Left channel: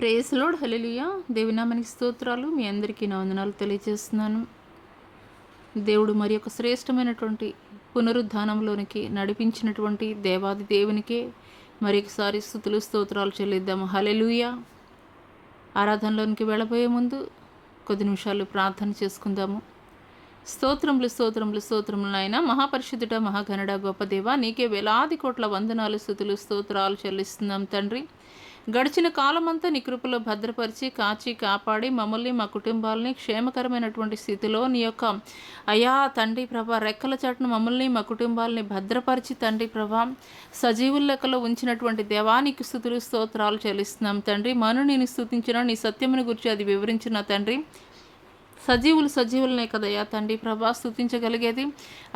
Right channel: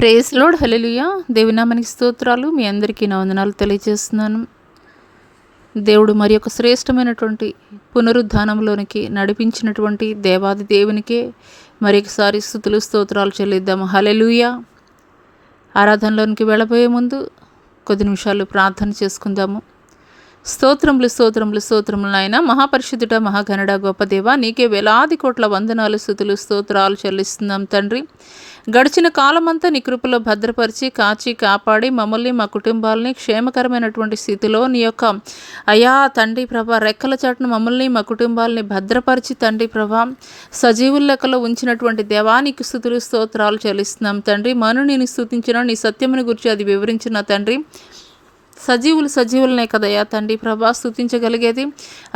Praise load హల్లెలూయా. దేవుని నామానికి స్తోత్రాలు. మీ అందరికీ నా వందనాలు తెలియజేస్తున్నాను. దేవుడు మరి ఒక శ్రేష్టమైనటువంటి పునరుద్ధానంలోనికి నడిపించినటువంటి దేవాది దేవునికే మరొకసారి స్తుతులు స్తోత్రాలు చెల్లిద్దాము. హల్లెలూయా. ఆరాధనలోనికి వెళ్ళబోయే ముందు కొద్ది నిమిషాలు ప్రార్థన చేసుకుందాము. స్తోత్రములు స్తోత్రములు స్తోత్రములు నాయన, మహాపరిశుద్ధుడ, మహాగణుడ, గొప్ప దేవ, నీకే వేలాది కోట్ల వందనాలు, స్తుతులు స్తోత్రాలు చెల్లిస్తున్నాం తండ్రి. గడిచిన కాలమంతా నీ కృపలో భద్రపరిచి కాచి కాపాడి మమ్మల్ని మా కుటుంబాలని క్షేమకరమైనటువంటి స్థితిలో నీ యొక్క అయా తండ్రి ప్రభా రెక్కల చాటును మమ్మల్ని మా కుటుంబాలని భద్రపరిచి తండ్రి ప్రభా సజీవుల లెక్కలో ఉంచినటువంటి దేవానికి స్తుతులు స్తోత్రాలు చెల్లిస్తున్నాం తండ్రి. మను నేను స్తుతించిన నీ సత్యముని గురించి అది వివరించిన తండ్రి. సజీవులనే కదయ్యా తండ్రి ప్రభా స్తుతించగలిగేది.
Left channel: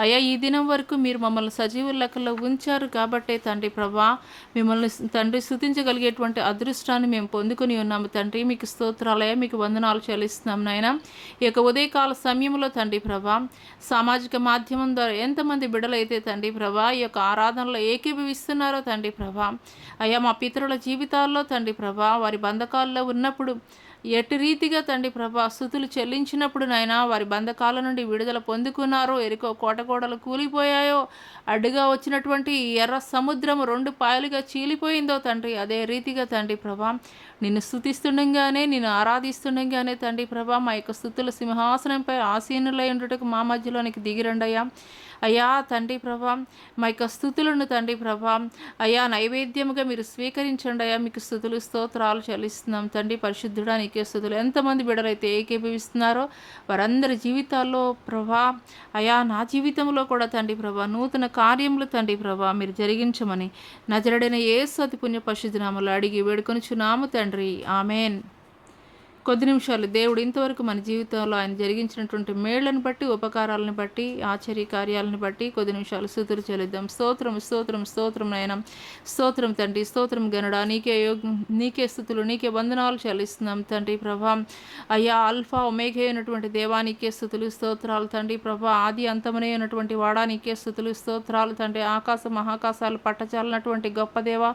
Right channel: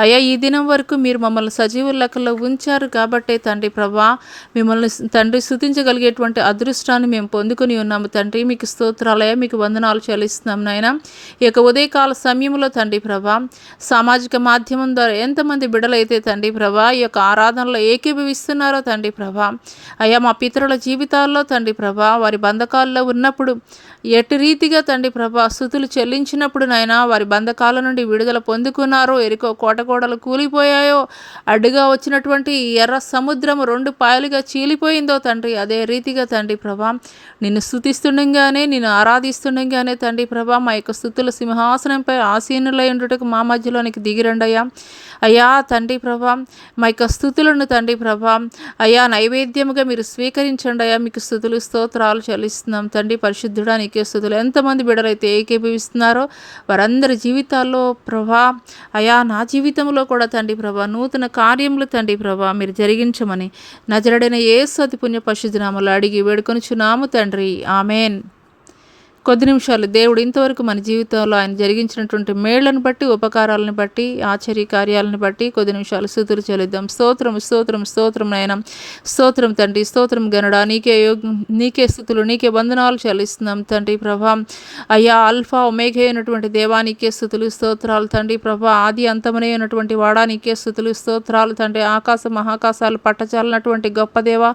అయ్యా ఈ దినం వరకు మీరు మమ్మల్ని సజీవుల లెక్కలో ఉంచారు కాబట్టే తండ్రి ప్రభా మిమ్మల్ని తండ్రి స్తుతించగలిగేటువంటి అదృష్టాన్ని మేము పొందుకొని ఉన్నాము తండ్రి. మీకు స్తోత్రాలయ్యా, మీకు వందనాలు చెల్లిస్తున్నాం నాయన. ఈ యొక్క ఉదయకాల సమయంలో తండ్రి ప్రభా సామాజిక మాధ్యమం ద్వారా ఎంతమంది బిడ్డలైతే తండ్రి ప్రభా ఈ యొక్క ఆరాధనలో ఏకీభవిస్తున్నారో తండ్రి ప్రభా అయ్యా మా పితరుల జీవితాల్లో తండ్రి ప్రభా వారి బంధకాల్లో ఉన్నప్పుడు ఎటు రీతిగా తండ్రి ప్రభా స్తుతులు చెల్లించినప్పుడు నాయన వారి బంధకాల నుండి విడుదల పొందుకున్నారో, ఎరుకో కోటకోడలు కూలిపోయాయో, అడ్డుగా వచ్చినటువంటి ఎర్ర సముద్రము 2 పాయలుగా చీలిపోయిందో తండ్రి, అదే రీతిగా తండ్రి ప్రభా నిన్ను స్తుతిస్తుండగానే నిన్ను ఆరాధిస్తుండగానే తండ్రి ప్రభా మా యొక్క స్తుతుల సింహాసనంపై ఆసీనులై ఉండుటకు మా మధ్యలోనికి దిగిరండయ్యా. అయ్యా తండ్రి ప్రభా మా యొక్క స్తుతులను తండ్రి ప్రభా అయ్యా నైవేద్యముగా మీరు స్వీకరించండి అయ్యా. మీకు స్తుతులు స్తోత్రాలు చెల్లిస్తున్నాం తండ్రి. పరిశుద్ధుడా నీకే స్తుతులు. ఎంతమంది బిడ్డలైతే ఏకీభవిస్తున్నారో వారందరి జీవితాల్లో ప్రభా అయా నా జీవితంలో కూడా తండ్రి ప్రభా నూతన కార్యములు తండ్రి ప్రభా మీరు జరిగించమని నజరుడైన యేసు అతి పుణ్య పరిశుద్ధ నామములో అడిగి వేడుకొనుచున్నాము తండ్రి. ఆమెన్. కొద్ది నిమిషాలు దేవుడు ఇంతవరకు మన జీవితంలో ఆయన జరిగించినటువంటి మేళ్లను బట్టి, ఉపకారాలను బట్టి, ఆశ్చర్య కార్యాలను బట్టి కొద్ది నిమిషాలు స్తుతులు చెల్లిద్దాం. స్తోత్రం స్తోత్రం స్తోత్రం నాయన. స్తోత్రం తండ్రి, స్తోత్రం గనుడా, నీకే స్తుతులు, నీకే వందనాలు చెల్లిస్తున్నాం తండ్రి ప్రభా. అయ్యా అల్ఫా ఒమేగా అయినటువంటి దేవా నీకే స్తుతులు స్తోత్రాలు తండ్రి ప్రభా. ఆది అంతమనే ఉన్నటువంటి వాడా నీకే స్తుతులు స్తోత్రాలు తండ్రి. ఆకాశ మహాకాశాలు పట్టచాలన్నటువంటి గొప్ప దేవా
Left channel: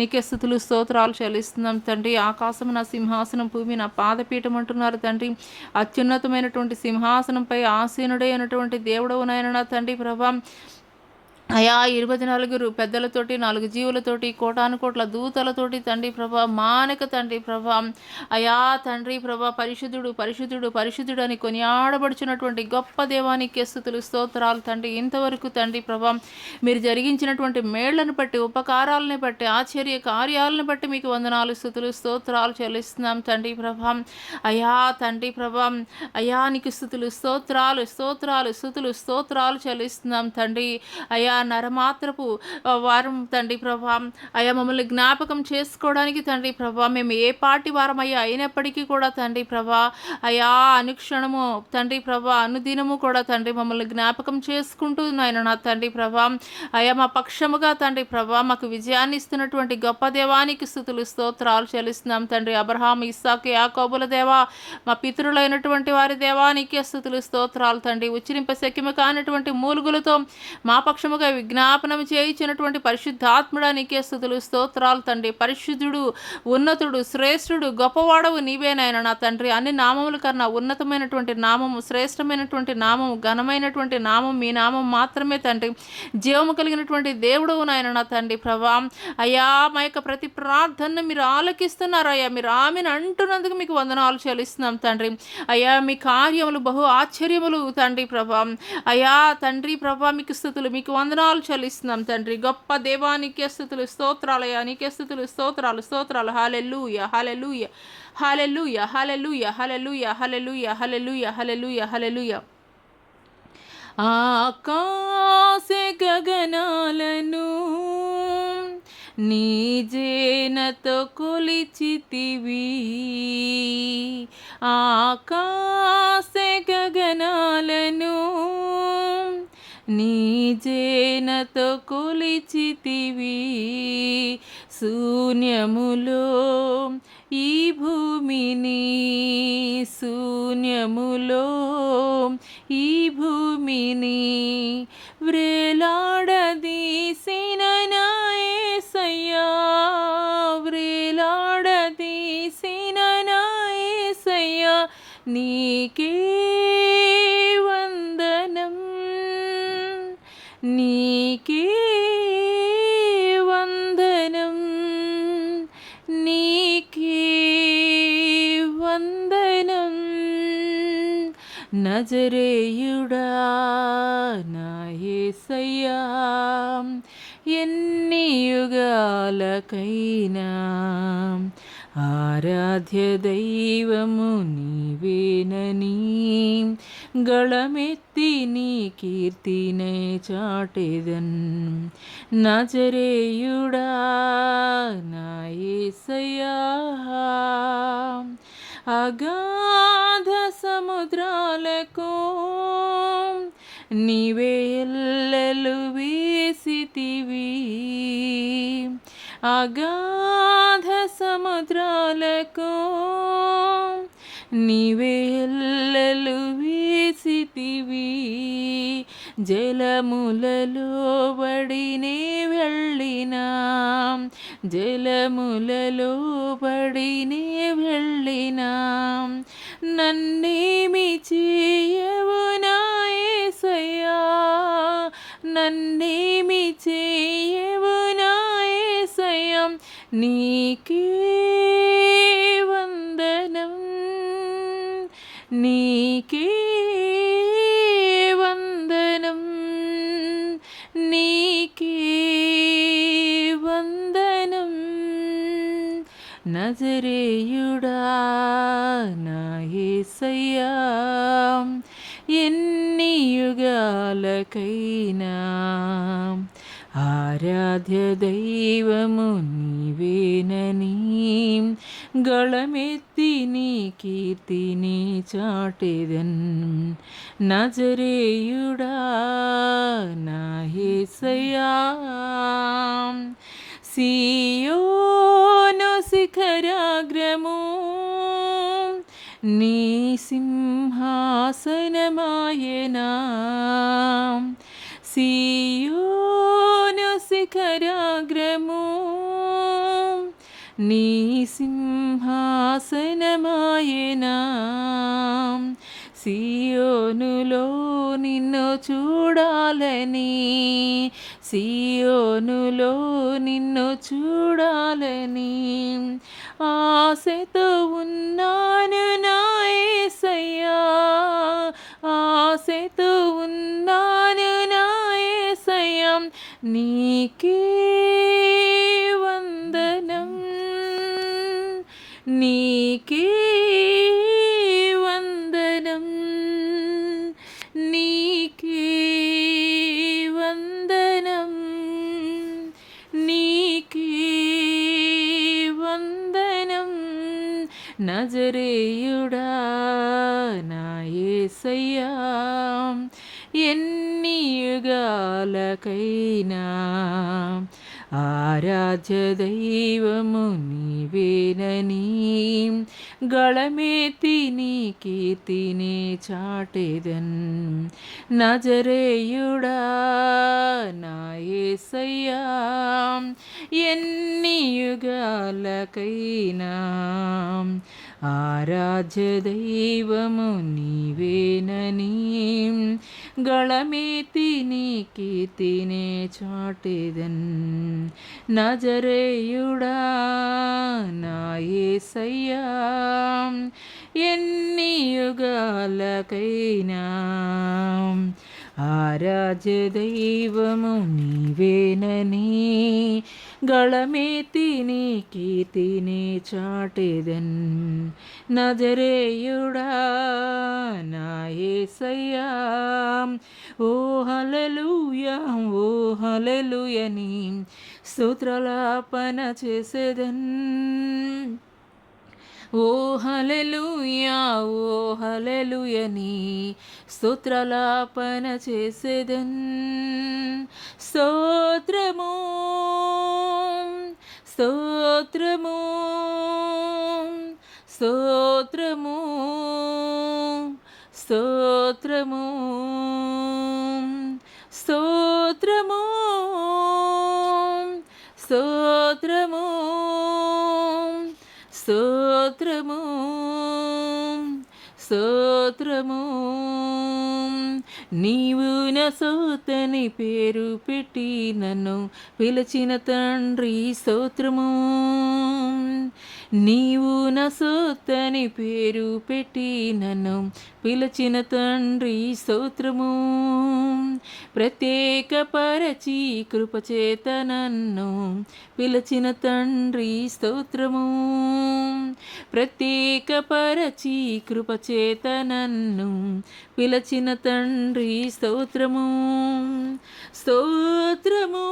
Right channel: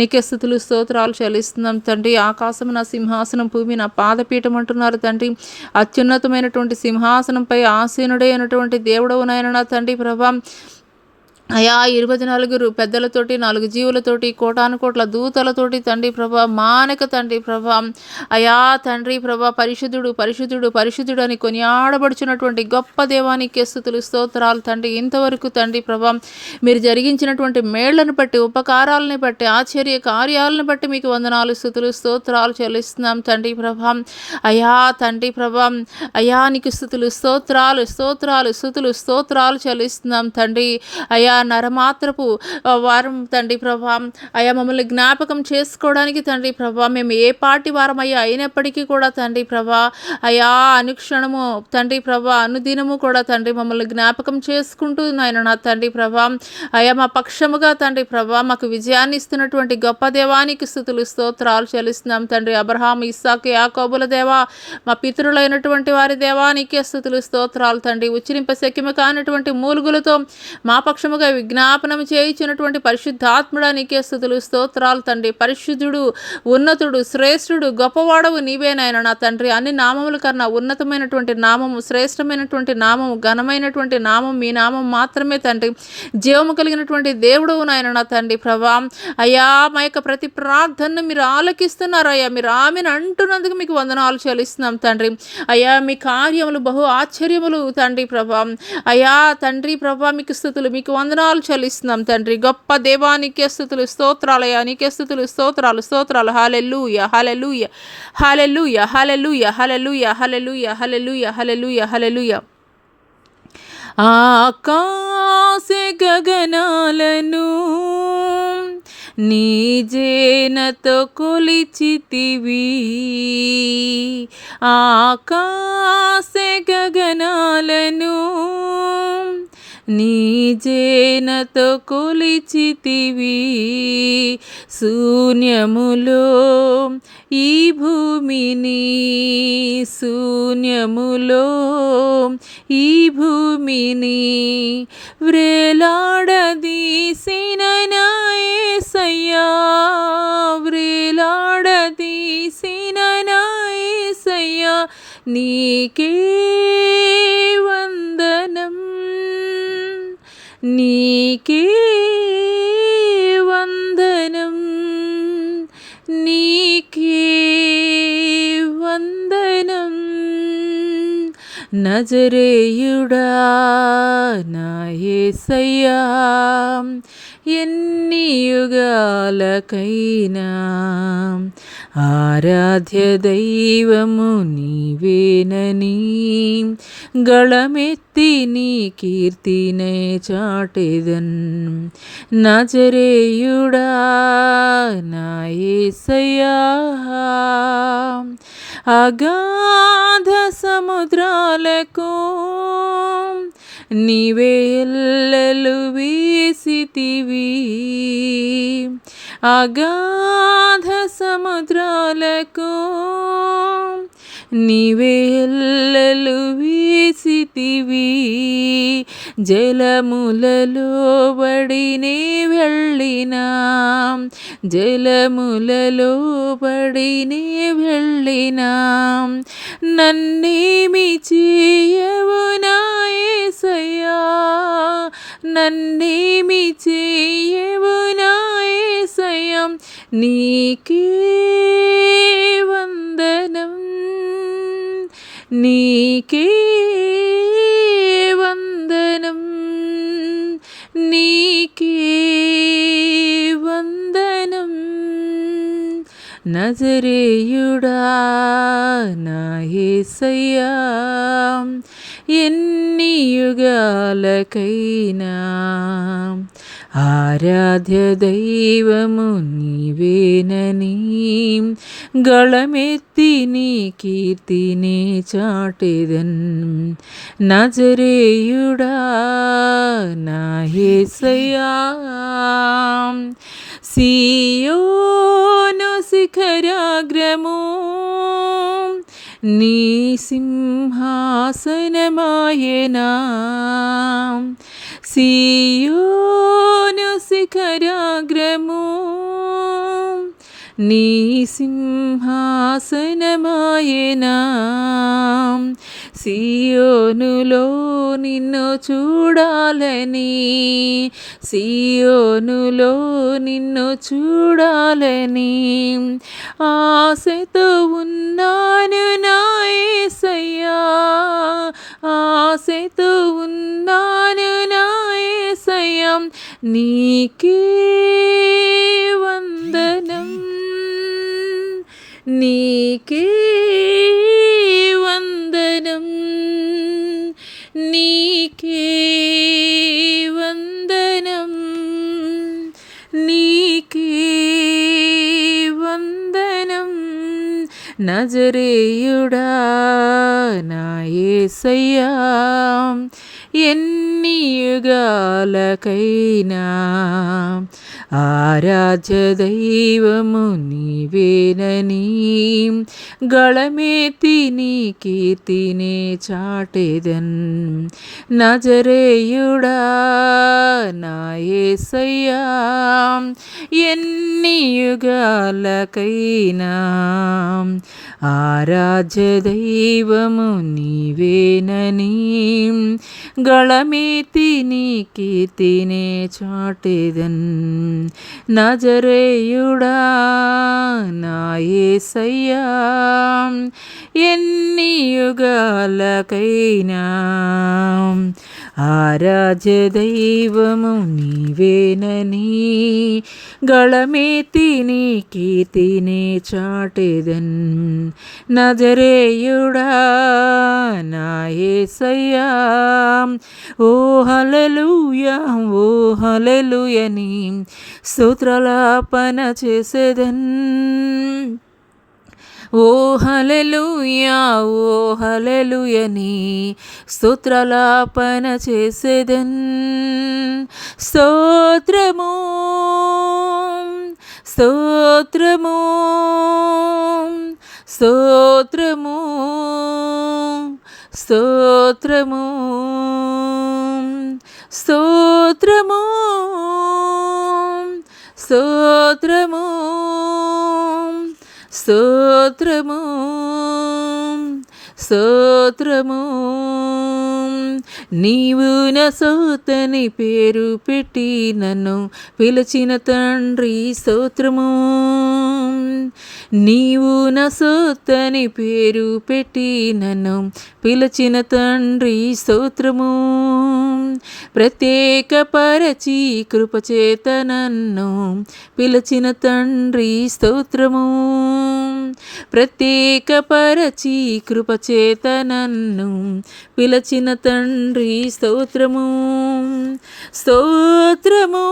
నీకే స్తుతులు స్తోత్రాలు చెల్లిస్తున్నాం తండ్రి. ఆకాశం నా సింహాసనం, భూమి నా పాదపీఠం అంటున్నారు తండ్రి. అత్యున్నతమైనటువంటి సింహాసనంపై ఆసీనుడే అయినటువంటి దేవుడవు నాయన నా తండ్రి ప్రభా. అయా 24 పెద్దలతోటి 4 జీవులతోటి కోటాను కోట్ల దూతలతోటి తండ్రి ప్రభా మానక తండ్రి ప్రభా అయా తండ్రి ప్రభా పరిశుద్ధుడు పరిశుద్ధుడు పరిశుద్ధుడు అని కొనియాడబడుచున్నటువంటి గొప్ప దేవానికి స్తుతులు స్తోత్రాలు తండ్రి. ఇంతవరకు తండ్రి ప్రభా మీరు జరిగించినటువంటి మేళ్లను బట్టి, ఉపకారాలను బట్టి, ఆశ్చర్య కార్యాలను బట్టి మీకు వందనాలు, స్తుతులు స్తోత్రాలు చెల్లిస్తున్నాం తండ్రి ప్రభా. అయా తండ్రి ప్రభా అయా నీకు స్తుతులు స్తోత్రాలు స్తోత్రాలు స్తుతులు స్తోత్రాలు చెల్లిస్తున్నాం తండ్రి. అయా నరమాత్రపు వారం తండ్రి ప్రభా అయా మమ్మల్ని జ్ఞాపకం చేసుకోవడానికి తండ్రి ప్రభా మేము ఏ పార్టీ వారం అయ్యా అయినప్పటికీ కూడా తండ్రి ప్రభా అయా అనుక్షణము తండ్రి ప్రభా అనుదినము కూడా తండ్రి మమ్మల్ని జ్ఞాపకం చేసుకుంటూ నాయన నా తండ్రి ప్రభా అయా మా పక్షముగా తండ్రి ప్రభా మాకు విజయాన్ని ఇస్తున్నటువంటి గొప్ప దేవానికి స్తుతులు స్తోత్రాలు చెల్లిస్తున్నాం తండ్రి. అబ్రహాం, ఇస్సాకు, యాకోబుల దేవా మా పితరులైనటువంటి వారి దేవానికి స్తుతులు స్తోత్రాలు తండ్రి. ఉచ్చరింప శక్యము కానటువంటి మూలుగులతో మా పక్షముగా విజ్ఞాపనం చేయించినటువంటి పరిశుద్ధాత్ముడా నీకే స్తుతులు స్తోత్రాలు తండ్రి. పరిశుద్ధుడు, ఉన్నతుడు, శ్రేష్ఠుడు, గొప్పవాడవు నీవేనాయన నా తండ్రి. అన్ని నామముల కన్నా ఉన్నతమైనటువంటి నామము, శ్రేష్టమైనటువంటి నామము, ఘనమైనటువంటి నామం మీ నామం మాత్రమే తండ్రి. జీవము కలిగినటువంటి దేవుడవు నాయన నా తండ్రి ప్రభా. అయ్యా మా యొక్క ప్రతి ప్రార్థనను మీరు ఆలకిస్తున్నారు అయ్యా. మీరు ఆమెను అంటున్నందుకు మీకు వందనాలు చెల్లిస్తున్నాం తండ్రి. అయ్యా మీ కార్యములు బహు ఆశ్చర్యములు తండ్రి ప్రభా. అయ్యా తండ్రి ప్రభా మీకు స్తుతులు, మీకు వందనాలు చెల్లిస్తున్నాం తండ్రి. గొప్ప దేవానికి స్తుతులు స్తోత్రాలయ్యా. నీకే స్తుతులు స్తోత్రాలు స్తోత్రాలు. హల్లెలూయా హల్లెలూయా హల్లెలూయా హల్లెలూయా హల్లెలూయా హల్లెలూయా హల్లెలూయా హల్లెలూయా హల్లెలూయా. ఆకాశ గగనాలను నీ జేనతో కొలిచితివి, ఆకాశ గగనాలను నీ జేనతో కొలిచితివి. శూన్యములో ఈ భూమిని, శూన్యములో ఈ భూమిని వ్రేలాడదీసిన నా యేసయ్యా, వ్రేలాడదీసిన నీకే వందనం, నీకే వందనం, నీకే వందనం. నజరేయుడా నా యేసయ్యా, ఎన్ని యుగాలకైనా ఆరాధ్య దైవము నీవేనని గళమెత్తి నీ కీర్తినే చాటెదన్. నజరేయుడా నా యేసయ్యా, అగాధ సముద్రాలకు నీవే ఎల్లలు వేసితివి, అగాధ సముద్రాలకు నీవే ఎల్లలు వేసితివి. జలములలో బడినే వెళ్ళినా, జలములలో బడినే వెళ్ళినా నన్నేమి చేయవు నా యేసయ్యా, నన్నేమి చేయవు నా యేసయ్యా. నీకే వందనం, నీకే వందనం, నీకే వందనం. నజరేయుడా నా యేసయ్యా, ఎన్ని యుగాలకైనా ఆరాధ్య దైవము నీవేనని గళమెత్తి నీ కీర్తినే చాటెదన్. నజరేయుడా నా యేసయ్యా, సీయోను శిఖరాగ్రము నీ సింహాసనమాయెనా, సీయోను శిఖరాగ్రము నీ సింహాసనమాయెనా. సియోనులో నిన్ను చూడాలని, సియోనులో నిన్ను చూడాలని ఆశతో ఉన్నాను నా యేసయ్యా, ఆశతో ఉన్నాను నా యేసయ్యా. నీకే వందనం, నీకే వందనం, నీకే వందనం, నీకే వందనం. నజరేయుడా నా యేసయ్యా, ఎన్ని యుగాలకైనా ఆరాధ్య దైవము నీవేనని గళమెత్తి నీ కీర్తినే చాటెదన్. నజరేయుడా నా యేసయ్యా, ఎన్ని యుగాలకైనా ఆరాధ్య దైవము నీవేనని గళమెత్తి నీ కీర్తినే చాటెదన్. నజరేయుడా నా యేసయ్యా, ఎన్ని యుగాలకైనా ఆరాధ్య దైవము నీవేనని గళమెత్తి నీ కీర్తినే చాటెదన్. నజరేయుడా నా యేసయ్యా, ఓ హల్లెలూయా, ఓ హల్లెలూయా నీ స్తుతులాపన చేసేదన్. ఓ హల్లెలూయా, ఓ హల్లెలూయా నీ స్తుతులాపన చేసేదన్. స్తోత్రము, స్తోత్రము, స్తోత్రము, స్తోత్రము, స్తోత్రము, స్తోత్రము, స్తోత్రము, స్తోత్రము. నీవు నా సోతని పేరు పెట్టి నన్ను పిలిచిన తండ్రి స్తోత్రము. నీవు నా సోతని పేరు పెట్టి నన్ను పిలిచిన తండ్రి స్తోత్రము. ప్రత్యేక పరచి కృపచేత నన్ను పిలిచిన తండ్రి స్తోత్రము. ప్రత్యేక పరచి కృపచేత నన్ను పిలిచిన తండ్రి స్తోత్రము. స్తోత్రము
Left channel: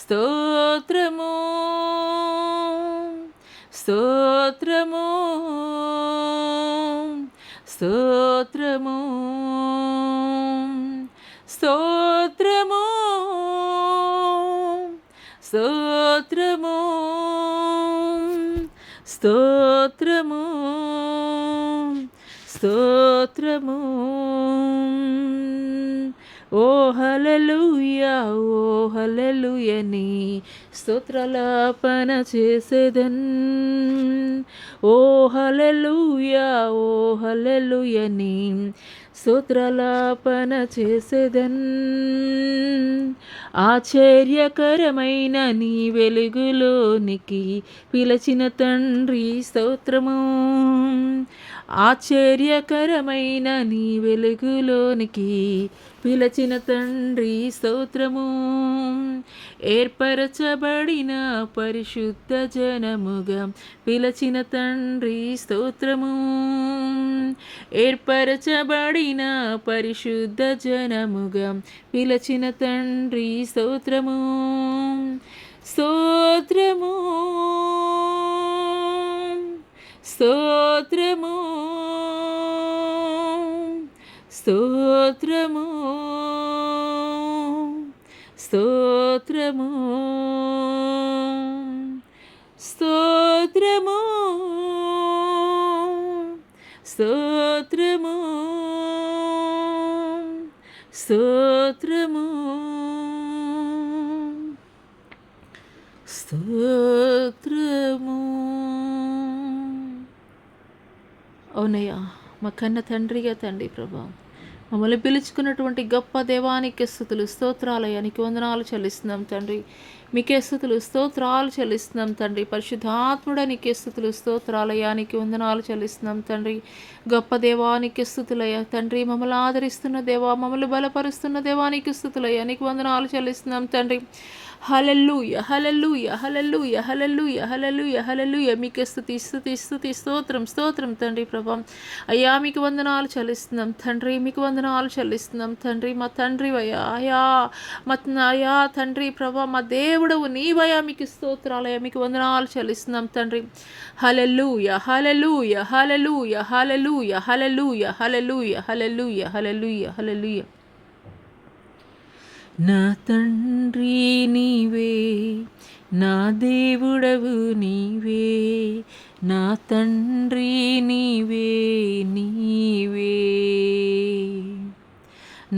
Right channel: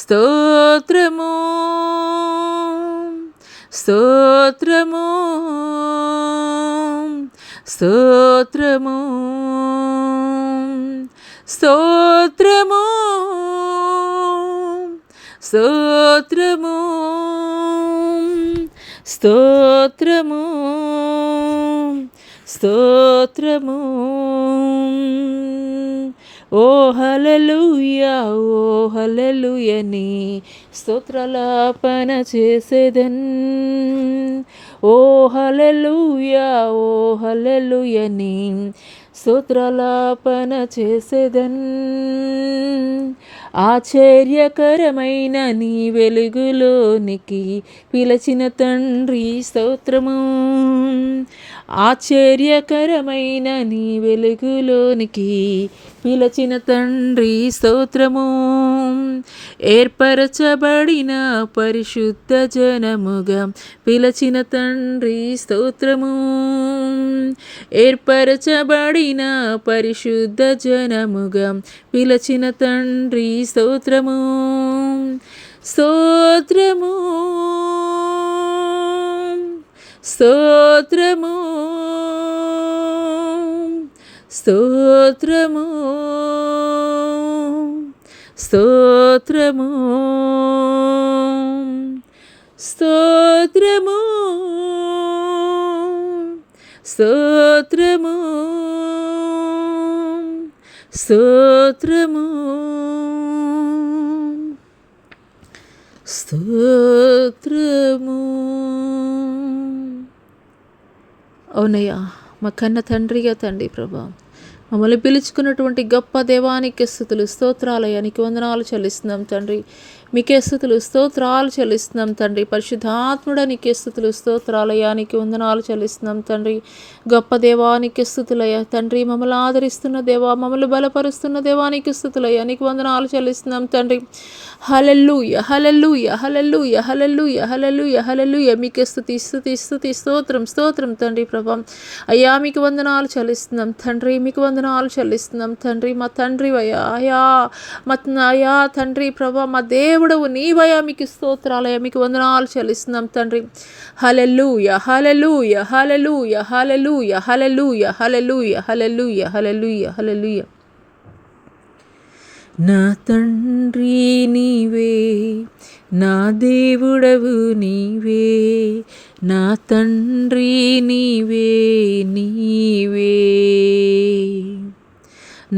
స్తోత్రము స్తోత్రము స్తోత్రము స్తోత్రము స్తోత్రము స్తోత్రము స్తోత్రము. ఓ హల్లెలూయా ఓ హల్లెలూయా నీ స్తోత్రాలాపన చేసేదన్. ఓ హల్లెలూయా ఓ హల్లెలూయా నీ స్తోత్రాలాపన చేసేదన్. ఆశ్చర్యకరమైన నీ వెలుగులోనికి పిలిచిన తండ్రి స్తోత్రము. ఆశ్చర్యకరమైన నీ వెలుగులోనికి పిలిచిన తండ్రి స్తోత్రము. ఏర్పరచబడిన పరిశుద్ధ జనముగా పిలిచిన తండ్రి స్తోత్రము. ఏర్పరచబడిన పరిశుద్ధ జనముగా పిలిచిన తండ్రి స్తోత్రము. స్తోత్రము స్తోత్రము స్తోత్రము స్తోత్రము స్తోత్రము స్తోత్రము స్తోత్రము స్తోత్రము. అవునయ్యా, మా కన్న తండ్రిగా తండ్రి ప్రభా, మమ్మల్ని పిలుచుకున్నటువంటి గొప్ప దేవానికి స్తుతులు స్తోత్రాలయ్యా, నీకు వందనాలు చెల్లిస్తున్నాం తండ్రి. మీకే స్తుతులు స్తోత్రాలు చెల్లిస్తున్నాం తండ్రి. పరిశుద్ధాత్ముడా నీకే స్తుతులు స్తోత్రాలయ్యా, నీకు వందనాలు చెల్లిస్తున్నాం తండ్రి. గొప్ప దేవానికి స్తుతులయ్యా తండ్రి. మమ్మల్ని ఆదరిస్తున్న దేవా, మమ్మల్ని బలపరుస్తున్న దేవానికి స్తుతులయ్యా, నీకు వందనాలు చెల్లిస్తున్నాం తండ్రి. హల్లెలూయా హల్లెలూయా హల్లెలూయా హల్లెలూయా హల్లెలూయా హల్లెలూయా. మీకే స్తుతి స్తుతి స్తుతి స్తోత్రం స్తోత్రం తండ్రి ప్రభా. అయ్యా మీకు వందనాలు చెల్లిస్తున్నాం తండ్రి, మీకు వందనాలు చెల్లిస్తున్నాం తండ్రి. మా తండ్రి అయ్యా అయ్యా తండ్రి ప్రభా, మా దేవుడవు నీవయ్యా, మీకు స్తోత్రాలయ్యా, మీకు వందనాలు చెల్లిస్తున్నాం తండ్రి. హల్లెలూయా హల్లెలూయా హల్లెలూయా హల్లెలూయా హల్లెలూయా హల్లెలూయా హల్లెలూయా హల్లెలూయా హల్లెలూయా. నా తండ్రి నీవే, నా దేవుడవు నీవే, నా తండ్రి నీవే నీవే.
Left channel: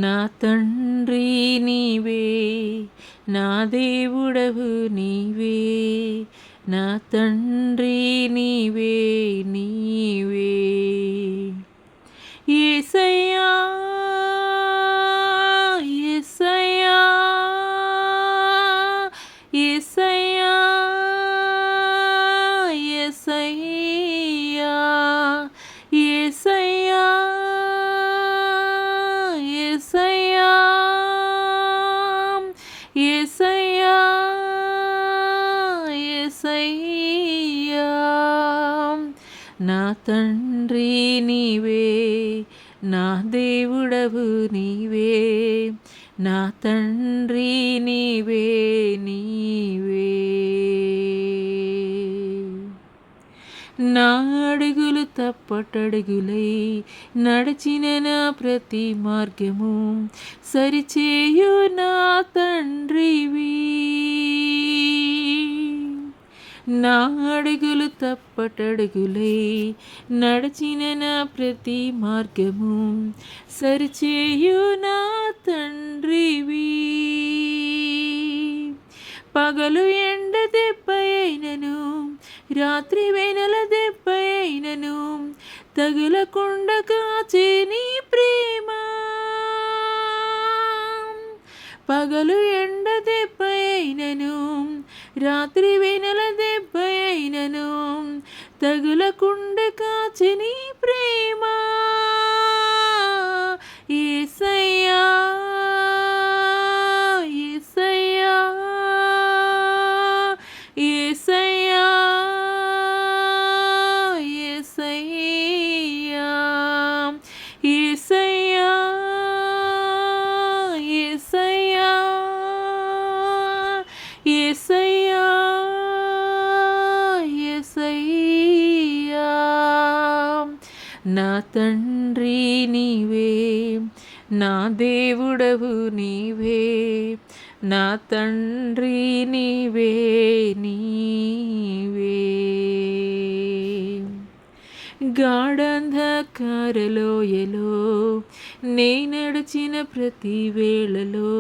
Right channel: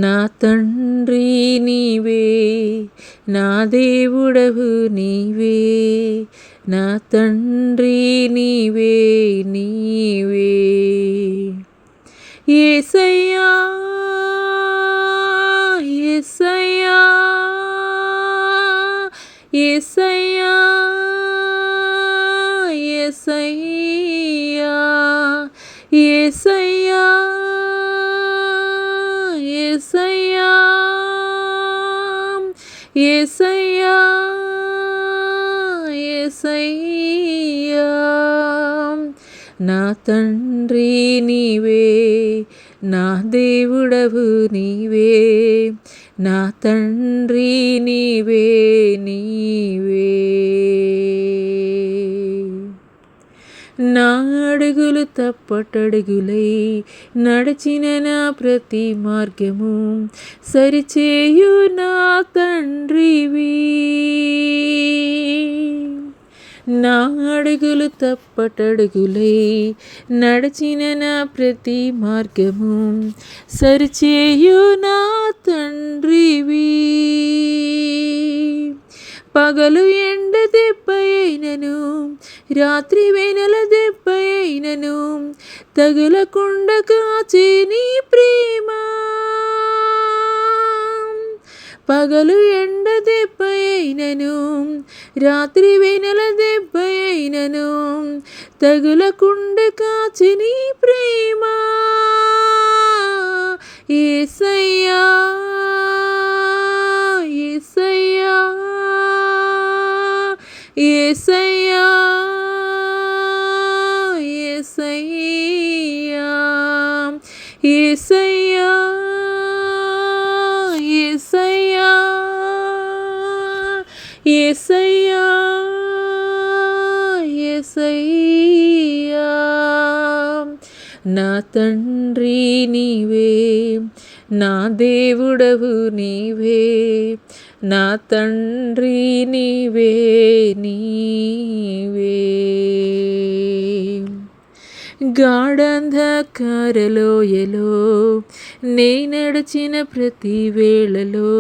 నా తండ్రి నీవే, నా దేవుడవు నీవే, నా తండ్రి నీవే నీవే. యేసయ్యా యేసయ్యా యేసయ్యా యేసయ్యా యేసయ్యా యేసయ్యా యేసయ్యా యేసయ్యా. నా తండ్రి నీవే, నా దేవుడవు నీవే, నా తండ్రి నీవే నీవే. నా అడుగులు తప్పటడుగులై నడిచిన నా ప్రతి మార్గము సరిచేయు నా తండ్రివి. నా అడుగులు తప్పటడుగులై నడిచిన నా ప్రతి మార్గము సరిచేయు నా తండ్రివి. పగలు ఎండ దెబ్బ అయినను రాత్రి వెనల దెబ్బ అయినను తగులకుండా కాచే నీ ప్రేమ. పగలు ఎండ దెబ్బ అయినను రాత్రి వెనల దెబ్బ అయినను తగులకుండా కాచే నీ ప్రేమ. యేసయ్యా యేసయ్యా యేసయ్యా యేసయ్యా యేసయ్యా యేసయ్యా యేసయ్యా యేసయ్యా. నా తండ్రి నీవే, నా దేవుడవు నీవే, నా తండ్రి నీవే నీవే. గాఢంధకారలోయలో నే నడిచిన ప్రతి వేళలో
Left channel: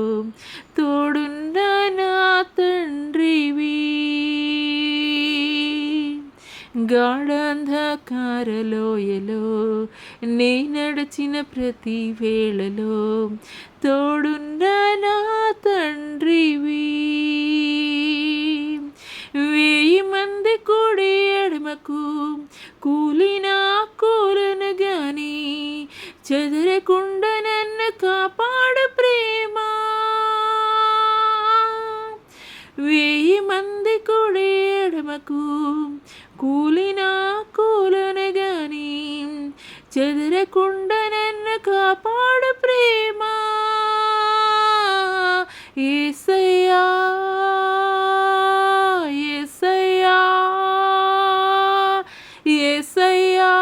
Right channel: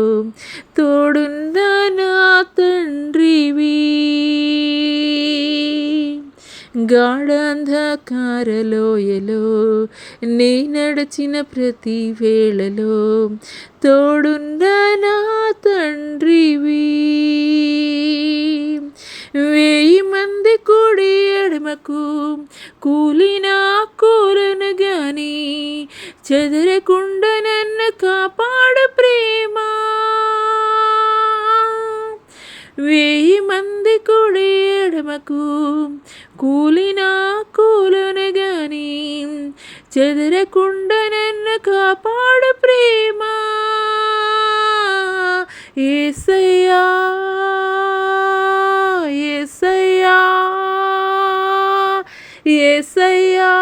తోడున్న నా తండ్రివి. గాఢంధకారలోయలో నే నడిచిన ప్రతి వేళలో తోడున్న నా తండ్రివి. 1000 మంది కూడి ఎడమకు కూలినా కూలను గాని చెదరకుండా నన్ను కాపాడు ప్రేమ. 1000 మంది కూడి ఎడమకు కూలినా కూలను గాని చెదరకుండా నన్ను కాపాడు ప్రేమ. యేసయ్యా యేసయ్యా యేసయ్యా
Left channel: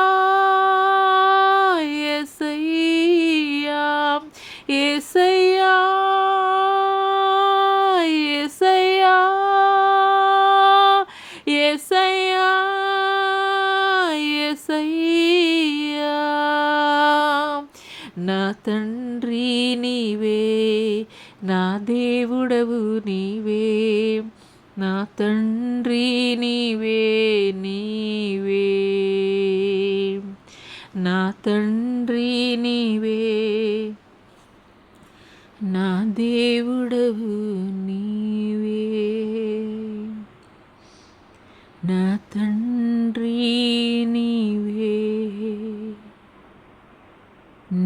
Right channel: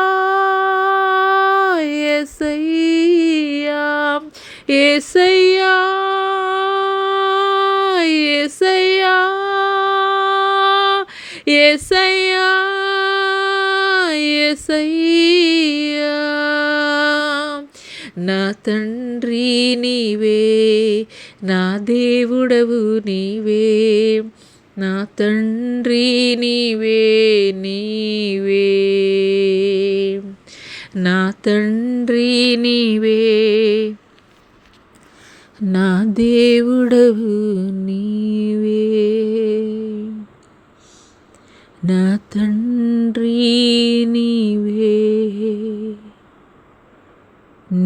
యేసయ్యా యేసయ్యా యేసయ్యా యేసయ్యా యేసయ్యా. నా తండ్రి నీవే, నా దేవుడవు నీవే, నా తండ్రి నీవే నీవే, నా తండ్రి నీవే, నా దేవుడవు నీవే, నా తండ్రి నీవే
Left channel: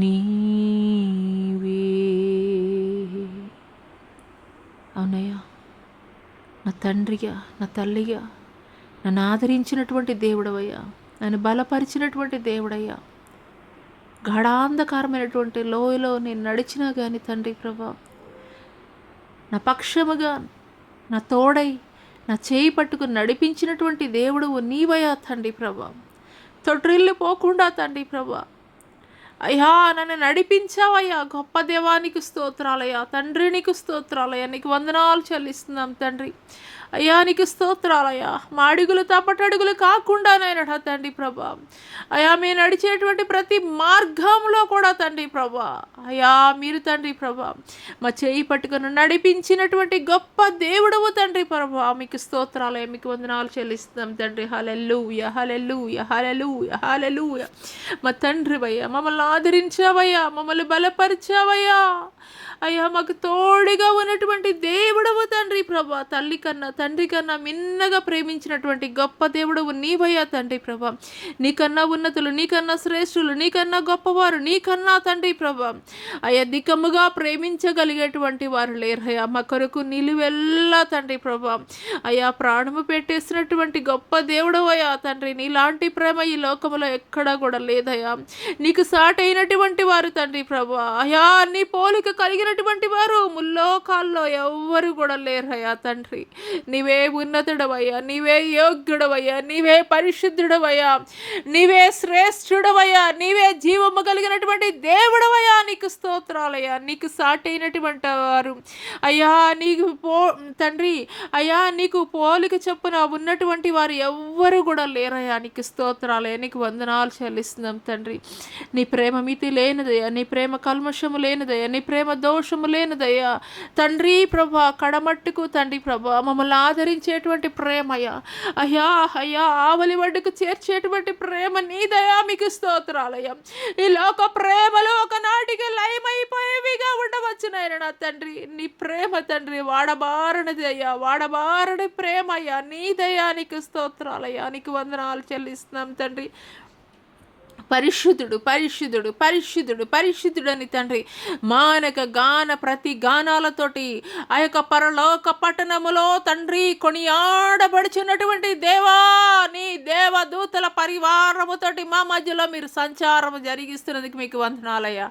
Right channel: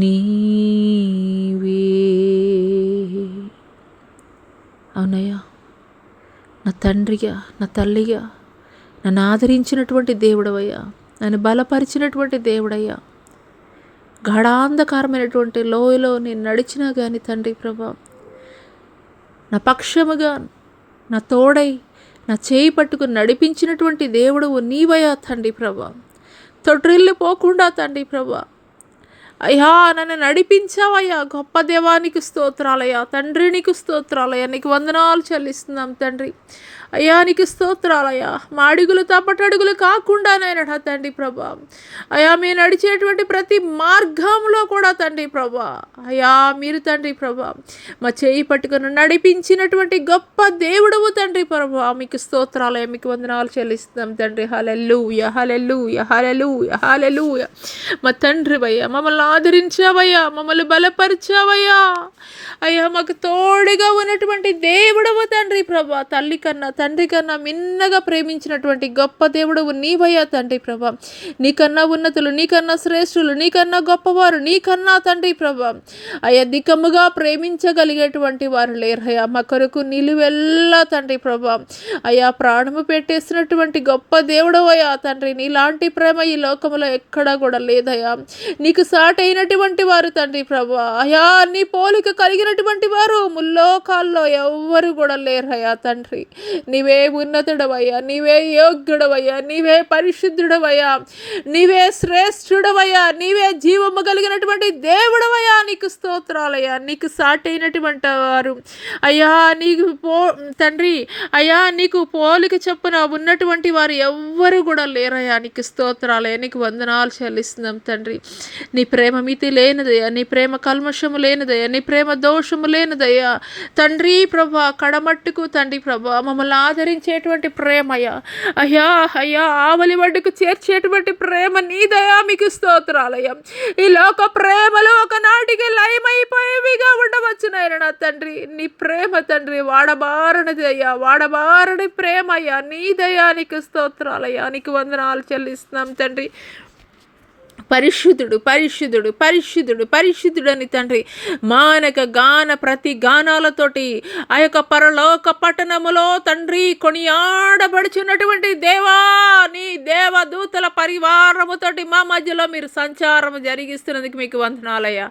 నీవే. అవునయ్యా, నా తండ్రిగా, నా తల్లిగా నన్ను ఆదరించినటువంటి దేవుడవయ్యా, నన్ను బలపరిచినటువంటి దేవుడయ్యా. గాఢాంధకారమైనటువంటి లోయలో నేను నడిచినా కానీ తండ్రి ప్రభా, నా పక్షముగా నా తోడై నా చేయి పట్టుకుని నడిపించినటువంటి దేవుడవు నీవయ్యా తండ్రి ప్రభా. తొట్టిల్లిపోకుండా తండ్రి ప్రభా అయ్యా నన్ను నడిపించావయ్యా. గొప్ప దేవానికి స్తోత్రాలయ్యా, తండ్రి నీకు స్తోత్రాలయ్యా, నీకు వందనాలు చెల్లిస్తున్నాం తండ్రి. అయ్యా నీకు స్తోత్రాలయ్యా. మా అడుగులు తప్పటడుగులు కాకుండా నాయన తండ్రి ప్రభా, అయ్యా మీరు నడిచేటువంటి ప్రతి మార్గంలో కూడా తండ్రి ప్రభా, అయ్యా మీరు తండ్రి ప్రభా మా చేయి పట్టుకుని నడిపించినటువంటి గొప్ప దేవుడవు తండ్రి ప్రభా. మీకు స్తోత్రాలయ్యా, మీకు వందనాలు చెల్లిస్తున్నాం తండ్రి. హల్లెలూయా హల్లెలూయా హల్లెలూయా హల్లెలూయా. మా తండ్రి అయ్యా, మమ్మల్ని ఆదరించావయ్యా, మమ్మల్ని బలపరిచావయ్యా. అయ్యా మాకు తోడుగా ఉన్నటువంటి దేవుడవు తండ్రి ప్రభా. తల్లి కన్నా తండ్రి కన్నా మిన్నగా ప్రేమించినటువంటి గొప్ప దేవుడవు నీవయ్యా తండ్రి ప్రభా. నీకన్నా ఉన్నతులు, నీకన్నా శ్రేష్ఠులు, నీకన్నా గొప్పవారు, నీకన్నా తండ్రి ప్రభా అయ్యా దికముగా ప్రేమించగలిగేటువంటి వారు లేరయ్యా. మా కొరకు నిలువెల్లా తండ్రి ప్రభా అయ్యా ప్రాణము పెట్టేసినటువంటి గొప్ప దేవుడవయ్యా తండ్రి. నీలాంటి ప్రేమ ఈ లోకంలో ఎక్కడా కూడా లేదయ్యా. నీకు సాటైనటువంటి వారు తండ్రి ప్రభా అయ్యా, నీ పోలిక కలిగినటువంటి వారు ముల్లోకాల్లో ఎవ్వరు కూడా లేరయ్యా తండ్రి. నీవే ఉన్నతుడవయ్యా, నీవే యోగ్యుడవయ్యా, నీవే పరిశుద్ధుడవయ్యా, నీవే శ్రేష్ఠుడవయ్యా, నీవే జీవము కలిగినటువంటి దేవుడవయ్యా. నీకు స్తోత్రాలయ్యా. నీకు సాటైనటువంటి వారు అయ్యా నీకు తండ్రి అయ్యా నీకు పోలిక చొప్పున ఉన్నటువంటి వారు ఎవ్వరు కూడా లేరయ్యా. నీకు స్తోత్రాలయ్యా, నీకు వందనాలు చెల్లిస్తున్నాం తండ్రి. నీ ప్రేమ మితి లేనిదయ్యా, నీ ప్రేమ కల్మషము లేనిదయ్యా, నీ ప్రేమ దోషము లేనిదయ్యా తండ్రి ప్రభా, కడమట్టుకు తండ్రి ప్రభా మమ్మల్ని ఆదరించేటువంటి ప్రేమయ్యా, అయ్యా అయ్యా ఆవలి వడ్డుకు చేర్చేటువంటి ప్రేమ నీదయా, మీకు స్తోత్రాలయ్యా. ఈ లోక ప్రేమలు ఒకనాటికి లయమైపోయేవిగా ఉండవచ్చు నాయన నా తండ్రి. నీ ప్రేమ తండ్రి వాడబారనిది అయ్యా, వాడబారని ప్రేమ అయ్యా నీదయా, నీకు స్తోత్రాలయ్యా, నీకు వందనాలు చెల్లిస్తున్నాం తండ్రి. పరిశుద్ధుడు పరిశుద్ధుడు పరిశుద్ధుడు పరిశుద్ధుడు అని తండ్రి మానక గాన ప్రతి గానాలతోటి ఆ యొక్క పరలోక పట్టణములో తండ్రి కొనియాడబడుచున్నటువంటి దేవా, నీ దేవదూతల పరివారముతోటి మా మధ్యలో మీరు సంచారము జరిగిస్తున్నందుకు మీకు వందనాలయ్యా.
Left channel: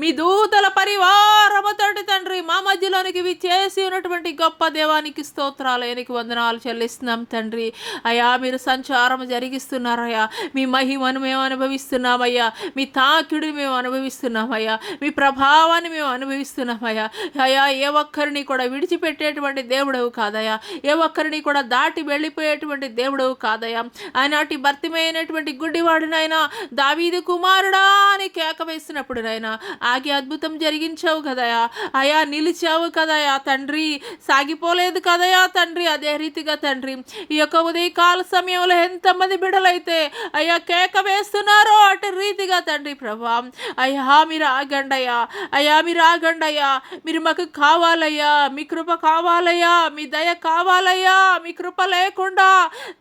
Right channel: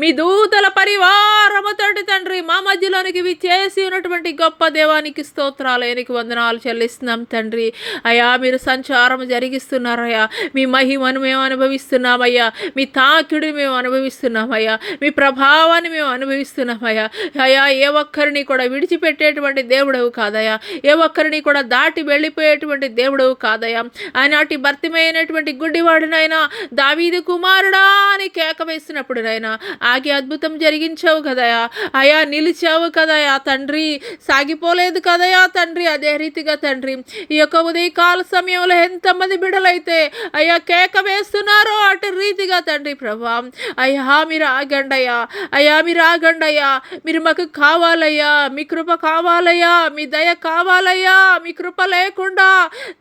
మీ దూతల పరివారముతోటి తండ్రి మా మధ్యలోనికి విచ్చేసి ఉన్నటువంటి గొప్ప దేవానికి స్తోత్రాలయ్యా, నీకు వందనాలు చెల్లిస్తున్నాం తండ్రి. అయ్యా మీరు సంచారం జరిగిస్తున్నారయ్యా, మీ మహిమను మేము అనుభవిస్తున్నామయ్యా, మీ తాకిడిని మేము అనుభవిస్తున్నామయ్యా, మీ ప్రభావాన్ని మేము అనుభవిస్తున్నామయ్యా. అయ్యా ఏ ఒక్కరిని కూడా విడిచిపెట్టేటువంటి దేవుడవు కాదయ్యా, ఏ ఒక్కరిని కూడా దాటి వెళ్ళిపోయేటువంటి దేవుడవు కాదయ్యా. ఆనాటి భర్తమైనటువంటి గుడ్డివాడినైనా దావీదు కుమారుడా అని కేక వేసినప్పుడు నైనా ఆగి అద్భుతం జరిగించావు కదయా అయ్యా, నిలిచావు కదయా తండ్రి, సాగిపోలేదు కదయా తండ్రి. అదే రీతిగా తండ్రి ఈ యొక్క ఉదయకాల సమయంలో ఎంతమంది బిడ్డలైతే అయ్యా కేక వేస్తున్నారో అటు రీతిగా తండ్రి ప్రభా అయ్యా మీరు ఆగండయ్యా, అయ్యా మీరు ఆగండయ్యా, మీరు మాకు కావాలయ్యా, మీ కృప కావాలయ్యా, మీ దయ కావాలయ్యా. మీ కృప లేకుండా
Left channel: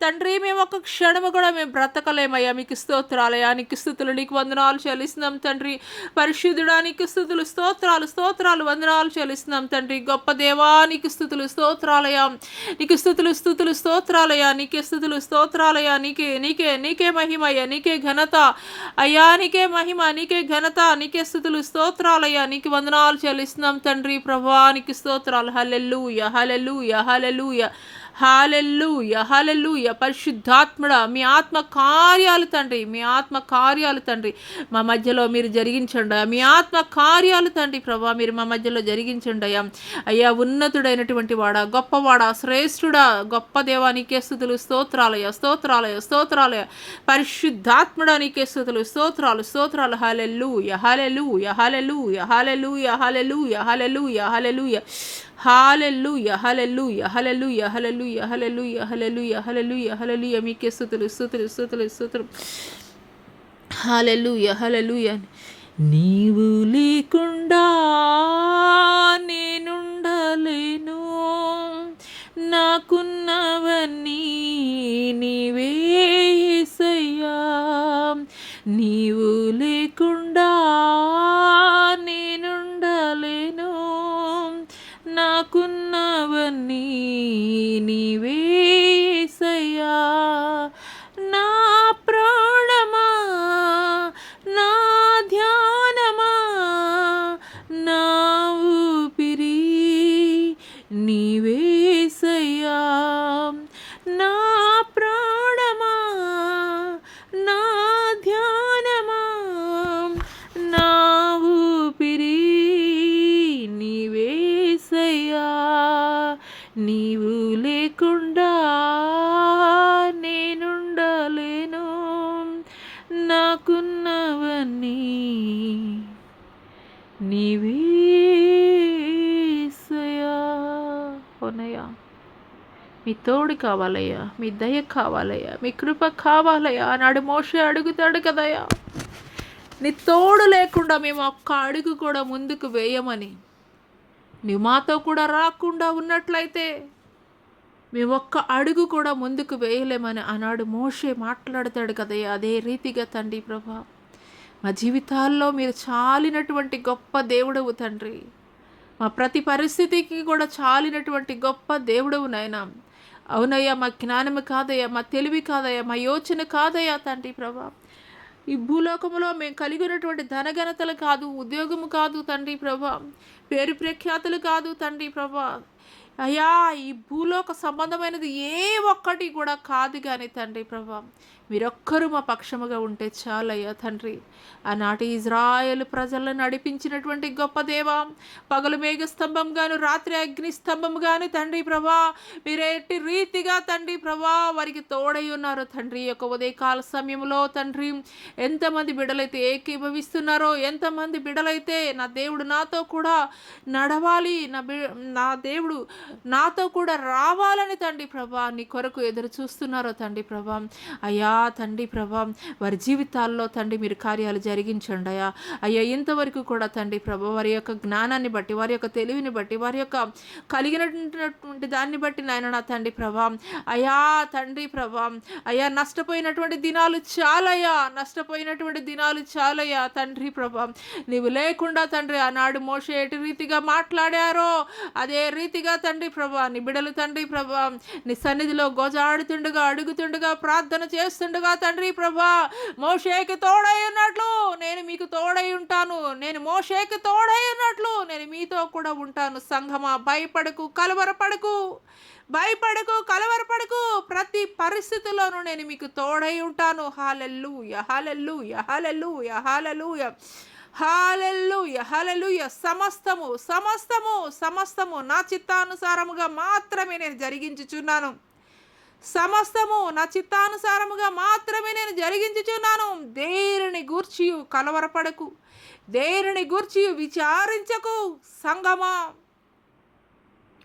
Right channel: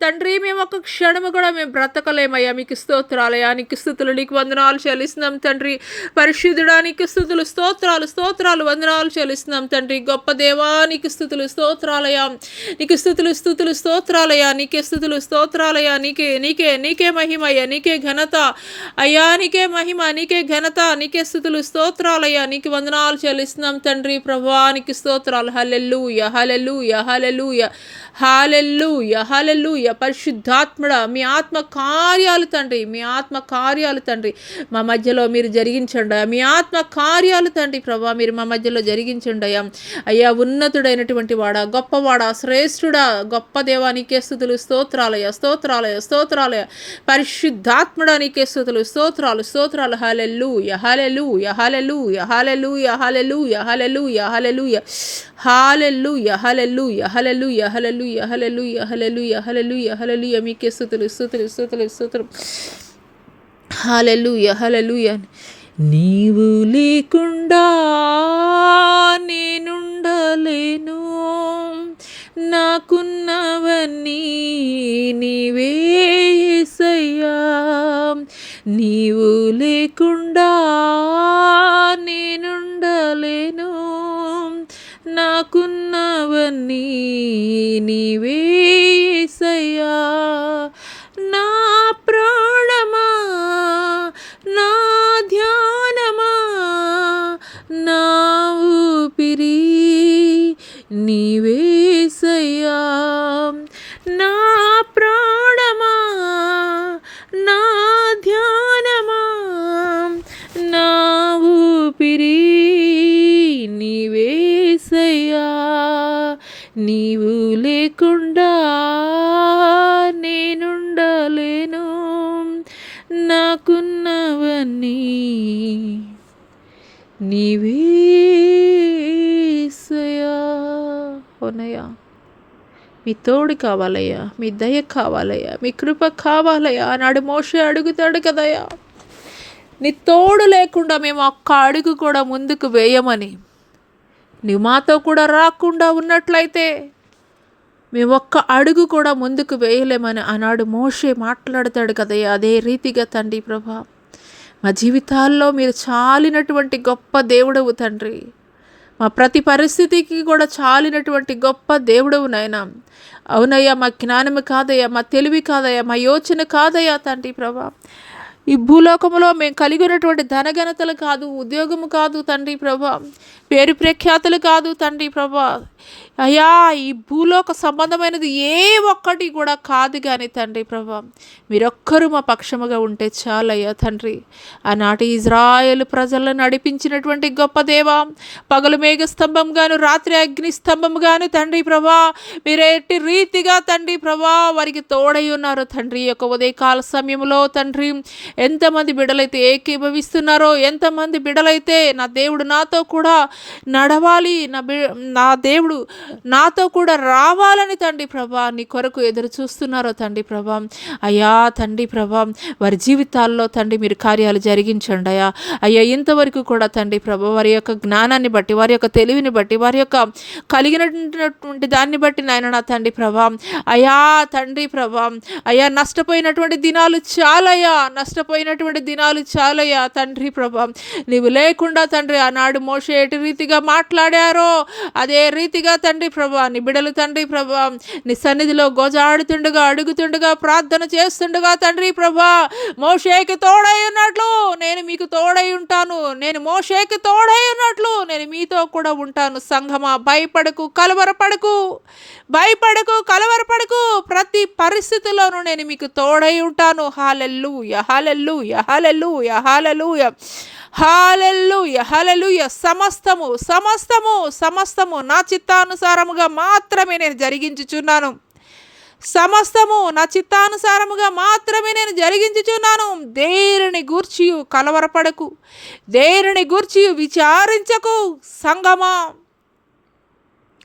తండ్రి మేము ఒక క్షణము కూడా మేము బ్రతకలేమయ్యా. మీకు స్తోత్రాలయ్యా, నీకు స్తుతులు, నీకు వందనాలు చెల్లిస్తున్నాం తండ్రి. పరిశుద్ధుడా నీకు స్తుతులు, స్తోత్రాలు స్తోత్రాలు వందనాలు చెల్లిస్తున్నాం తండ్రి. గొప్ప దేవా నీకు స్తుతులు స్తోత్రాలయ్యా, నీకు స్తుతులు స్తుతులు స్తోత్రాలయ్యా, నీకే స్తుతులు స్తోత్రాలయ్యా, నీకే నీకే నీకే మహిమయ్యా, నీకే ఘనత అయ్యా, నీకే మహిమ, నీకే ఘనత, నీకే స్తుతులు స్తోత్రాలయ్యా, నీకు వందనాలు చెల్లిస్తున్నాం తండ్రి ప్రభా, నీకు స్తోత్రాలు. హల్లెలూయా హల్లెలూయా హల్లెలూయా హల్లెలూయా హల్లెలూయా. పరిశుద్ధాత్ముడా మీ ఆత్మ కార్యాలు తండ్రి, మీ ఆత్మ కార్యాలు తండ్రి మా మధ్యలో మీరు జరిగించండి. మీ ఆత్మ కార్యాలు తండ్రి ప్రభా మీరు మా మధ్యలో జరిగించండి అయ్యా. అయ్యా ఉన్నతుడైనటువంటి వాడా, గొప్పవాడా, శ్రేష్ఠుడా, గొప్ప దేవా నీకే స్తుతులు స్తోత్రాలయ స్తోత్రాలయ స్తోత్రాలయ. పరిశుద్ధాత్ముడా నీకే స్తుతులు స్తోత్రాలు స్తోత్రాలు. హల్లెలూయా హల్లెలూయా హల్లెలూయా హల్లెలూయా హల్లెలూయా హల్లెలూయా హల్లెలూయా హల్లెలూయా హల్లెలూయా హల్లెలూయా హల్లెలూయా హల్లెలూయా హల్లెలూయా హల్లెలూయా హల్లెలూయా. మీకే స్తుతులు స్తుతులు స్తుతులు స్తుతులు. హల్లెలూయా హల్లెలూయా. నీవు లేకుండా నేనుండలేను, నాకున్నవన్నీ నీవే యేసయ్యా. నీవు లేకుండా నేనుండలేను, నాకున్నవన్నీ నీవే యేసయ్యా. నా ప్రాణమా, నా ధ్యానమా, నా ఊపిరి నీవే యేసయ్యా. నా ప్రాణమా, నా ధ్యానమా, నా ఊపిరి నీవే యేసయ్యా. నీవు లేకుండా నేనుండలేను, నాకున్నవన్నీ నీవే యేసయ్యా. అవునయ్యా మీ తోడు కావాలయ్యా, మీ దయ కావాలయ్యా, మీ కృప కావాలయ్యా. ఆనాడు మోషే అడుగుతాడు కదయ్యా, నీ తోడు లేకుండా మేము ఒక్క అడుగు కూడా ముందుకు వేయమని. నువ్వు మాతో కూడా రాకుండా ఉన్నట్లయితే మేము ఒక్క అడుగు కూడా ముందుకు వేయలేమని ఆనాడు మోషే మాట్లాడతాడు కదయ్యా. అదే రీతిగా తండ్రి ప్రభా మా జీవితాల్లో మీరు చాలినటువంటి గొప్ప దేవుడవు తండ్రి. మా ప్రతి పరిస్థితికి కూడా చాలినటువంటి గొప్ప దేవుడవు నాయనా. అవునయ్యా మా జ్ఞానము కాదయ్యా, మా తెలివి కాదయ్యా, మా యోచన కాదయ్యా తండ్రి ప్రభా. ఈ భూలోకంలో మేము కలిగి ఉన్నటువంటి ధనఘనతలు కాదు, ఉద్యోగము కాదు తండ్రి ప్రభా, పేరు ప్రఖ్యాతులు కాదు తండ్రి ప్రభా. అయ్యా ఈ భూలోక సంబంధమైనది ఏ ఒక్కటి కూడా కాదు కానీ తండ్రి ప్రభా, మీరొక్కరు మా పక్షముగా ఉంటే చాలయ్యా తండ్రి. ఆనాటి ఇజ్రాయేలు ప్రజలను నడిపించినటువంటి గొప్ప దేవా, పగలు మేఘ స్తంభంగాను రాత్రి అగ్ని స్తంభంగాను తండ్రి ప్రభా, మీరు ఎట్టి రీతిగా తండ్రి ప్రభా వారికి తోడై ఉన్నారు తండ్రి. యొక్క ఉదయకాల సమయంలో తండ్రి ఎంతమంది బిడ్డలైతే ఏకీభవిస్తున్నారో, ఎంతమంది బిడ్డలైతే నా దేవుడు నాతో కూడా నడవాలి, నా దేవుడు నాతో కూడా రావాలని తండ్రి ప్రభా నీ కొరకు ఎదురు చూస్తున్నారో తండ్రి ప్రభా. అయ్యా తండ్రి ప్రభా, వారి జీవితాల్లో తండ్రి మీరు కార్యాలు జరిగించండి అయ్యా. అయ్యా ఇంతవరకు కూడా తండ్రి ప్రభా వారి యొక్క జ్ఞానాన్ని బట్టి, వారి యొక్క తెలివిని బట్టి, వారి యొక్క కలిగినటువంటి దాన్ని బట్టి నాయన నా తండ్రి ప్రభా, అయ్యా తండ్రి ప్రభా, అయ్యా నష్టపోయినటువంటి దినాలు చాలయ్యా, నష్టపోయినటువంటి దినాలు చాలయ్యా తండ్రి ప్రభా. నీవు లేకుండా తండ్రి ఆనాడు మోషే ఎటు రీతిగా మాట్లాడారో అదే రీతిగా తండ్రి ప్రభా నీ బిడలు తండ్రి ప్రభా నీ సన్నిధిలో గోజాడుతుండగా, అడుగుతుండగా, ప్రార్థన చేస్తుండగా తండ్రి ప్రభా మోషేకి తోడై ఉన్నట్లు నేను మీకు తోడై ఉంటాను, నేను మోషేకి తోడై ఉన్నట్లు నేను మీతో కూడా ఉంటాను. సంఘమా, భయపడకు, కలవరపడకు, భయపడకు, కలవరపడకు, ప్రతి పరిస్థితిలోనూ నేను మీకు తోడై ఉంటాను. హల్లెలూయా, హల్లెలూయా, హల్లెలూయా, హల్లెలూయా, హల్లెలూయా, హల్లెలూయా. సమస్తము సమస్తము సమస్తము నా చిత్తానుసారముగా మాత్రమే నేను జరిగించుచున్నాను. సమస్తము నా చిత్తానుసారముగా మాత్రమే నేను జరిగించుచున్నాను. దేనిని గూర్చి కలవరపడకు, దేనిని గూర్చి విచారించకు. సంగమా,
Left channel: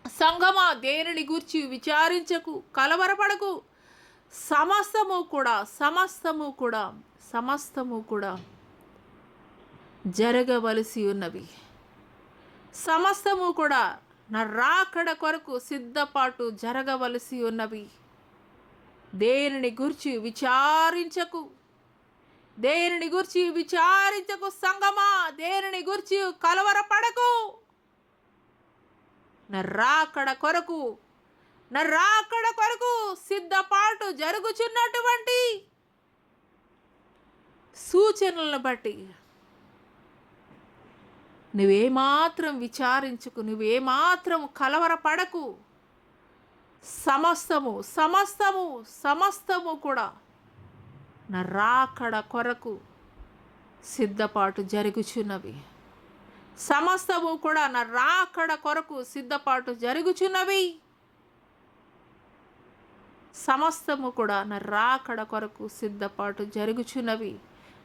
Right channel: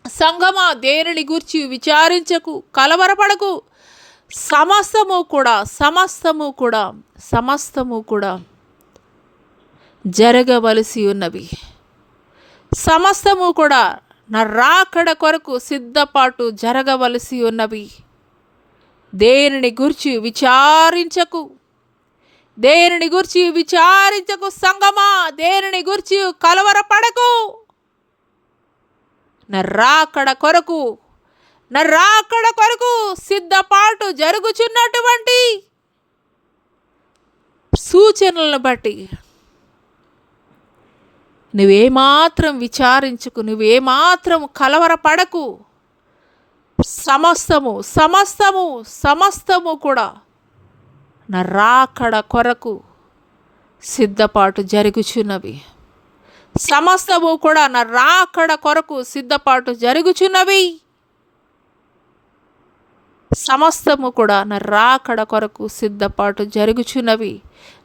సంగమా, దేనిని గూర్చి విచారించకు, కలవరపడకు. సమస్తము కూడా, సమస్తము కూడా, సమస్తము కూడా జరగవలసి ఉన్నవి. సమస్తము కూడా నా రాకడ కొరకు సిద్ధపాటు జరగవలసి ఉన్నవి. దేనిని గురించి విచారించకు, దేనిని గురించి విచారించకు. సంగమా, దేనిని గురించి కలవరపడకు. నా రాకడ కొరకు, నా రాకడ కొరకు సిద్ధపాటు జరుగుచున్నటువంటి సూచనలను బట్టి నువ్వేమాత్రం విచారించుకు, నువ్వేమాత్రం కలవరపడకు. సమస్తము సమస్తము సమస్తము కూడా నా రాకడ కొరకు సిద్ధపాటు జరుగుచున్నవి. సమస్తము కూడా నా రాకడ కొరకు సిద్ధపాటు జరుగుచున్నవి. సమస్తము కూడా నా రాకడ కొరకు సిద్ధపాటు జరుగుచున్నవి.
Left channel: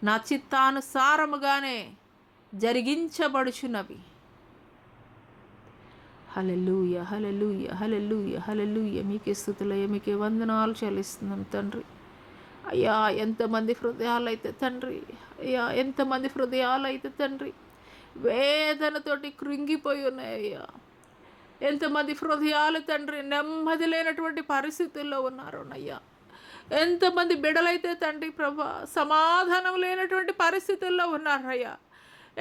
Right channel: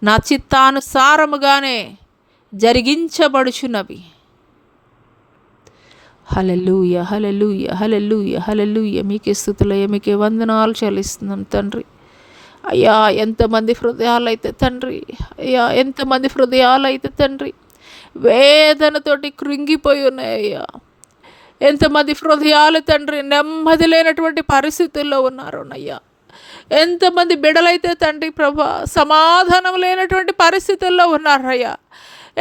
నా చిత్తానుసారముగానే జరిగించబడుచున్నవి. హల్లెలూయా, హల్లెలూయా, హల్లెలూయా, హల్లెలూయా. మీకే స్తుతులయ్యా, మీకే వందనాలు చెల్లిస్తున్నాం తండ్రి. అయ్యా ఎంతమంది హృదయాలైతే తండ్రి, అయ్యా ఎంతమంది హృదయాలైతే తండ్రి వేదనతోటి కృంగిపోయి ఉన్నాయ్యా. ఎంతమంది హృదయాలు తండ్రి నెమ్మది లేనటువంటి పరిస్థితుల్లో ఉన్నారు అయ్యా. ఎంతమంది బిడలైతే తండ్రి ప్రభా సమాధానం లేనటువంటి పరిస్థితుల్లో ఉన్నారయ్యా.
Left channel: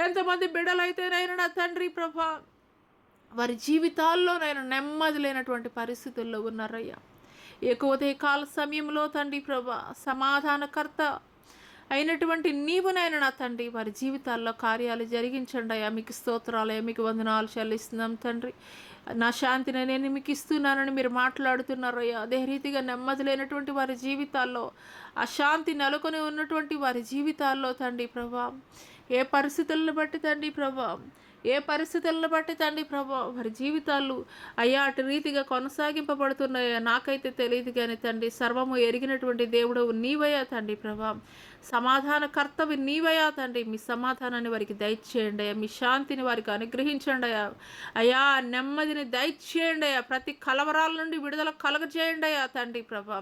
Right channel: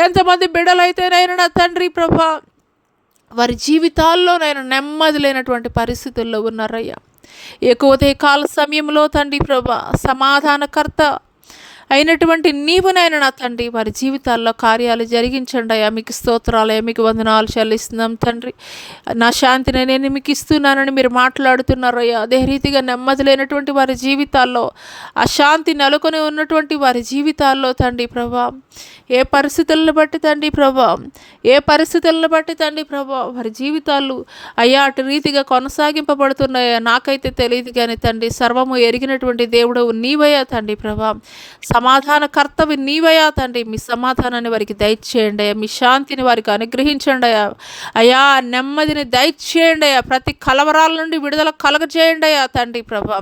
ఎంతమంది బిడ్డలైతే నా తండ్రి ప్రభా వారి జీవితాల్లో నెమ్మది లేనటువంటి పరిస్థితుల్లో ఉన్నారయ్యా. ఎక్కువతే కాల సమయంలో తండ్రి ప్రభా సమాధానకర్త అయినటువంటి నీవు నా తండ్రి వారి జీవితాల్లో కార్యాలు జరిగించండి అయ్యా. మీకు స్తోత్రాలయ్యా, మీకు వందనాలు చెల్లిస్తున్నాం తండ్రి. నా శాంతిని నేను మీకు ఇస్తున్నానని మీరు మాట్లాడుతున్నారు అయ్యా. అదే రీతిగా నెమ్మది లేనటువంటి వారి జీవితాల్లో, అశాంతి నెలకొని ఉన్నటువంటి వారి జీవితాల్లో తండ్రి ప్రభా ఏ పరిస్థితులను బట్టి తండ్రి ప్రభా, ఏ పరిస్థితులను బట్టి తండ్రి ప్రభా వారి జీవితాలు అయ్యా అటు రీతిగా కొనసాగింపబడుతున్నాయా నాకైతే తెలియదు కానీ తండ్రి సర్వము ఎరిగినటువంటి దేవుడు నీవయ్యా తండ్రి ప్రభా. సమాధానకర్తవి నీవయ్యా తండ్రి. మీ సమాధానాన్ని వారికి దయచేయండి అయ్యా, మీ శాంతిని వారికి అనుగ్రహించండి అయ్యా. అయ్యా నెమ్మదిని దయచేయండి అయ్యా, ప్రతి కలవరాల నుండి విడుదల కలగజేయండి అయ్యా తండ్రి ప్రభా.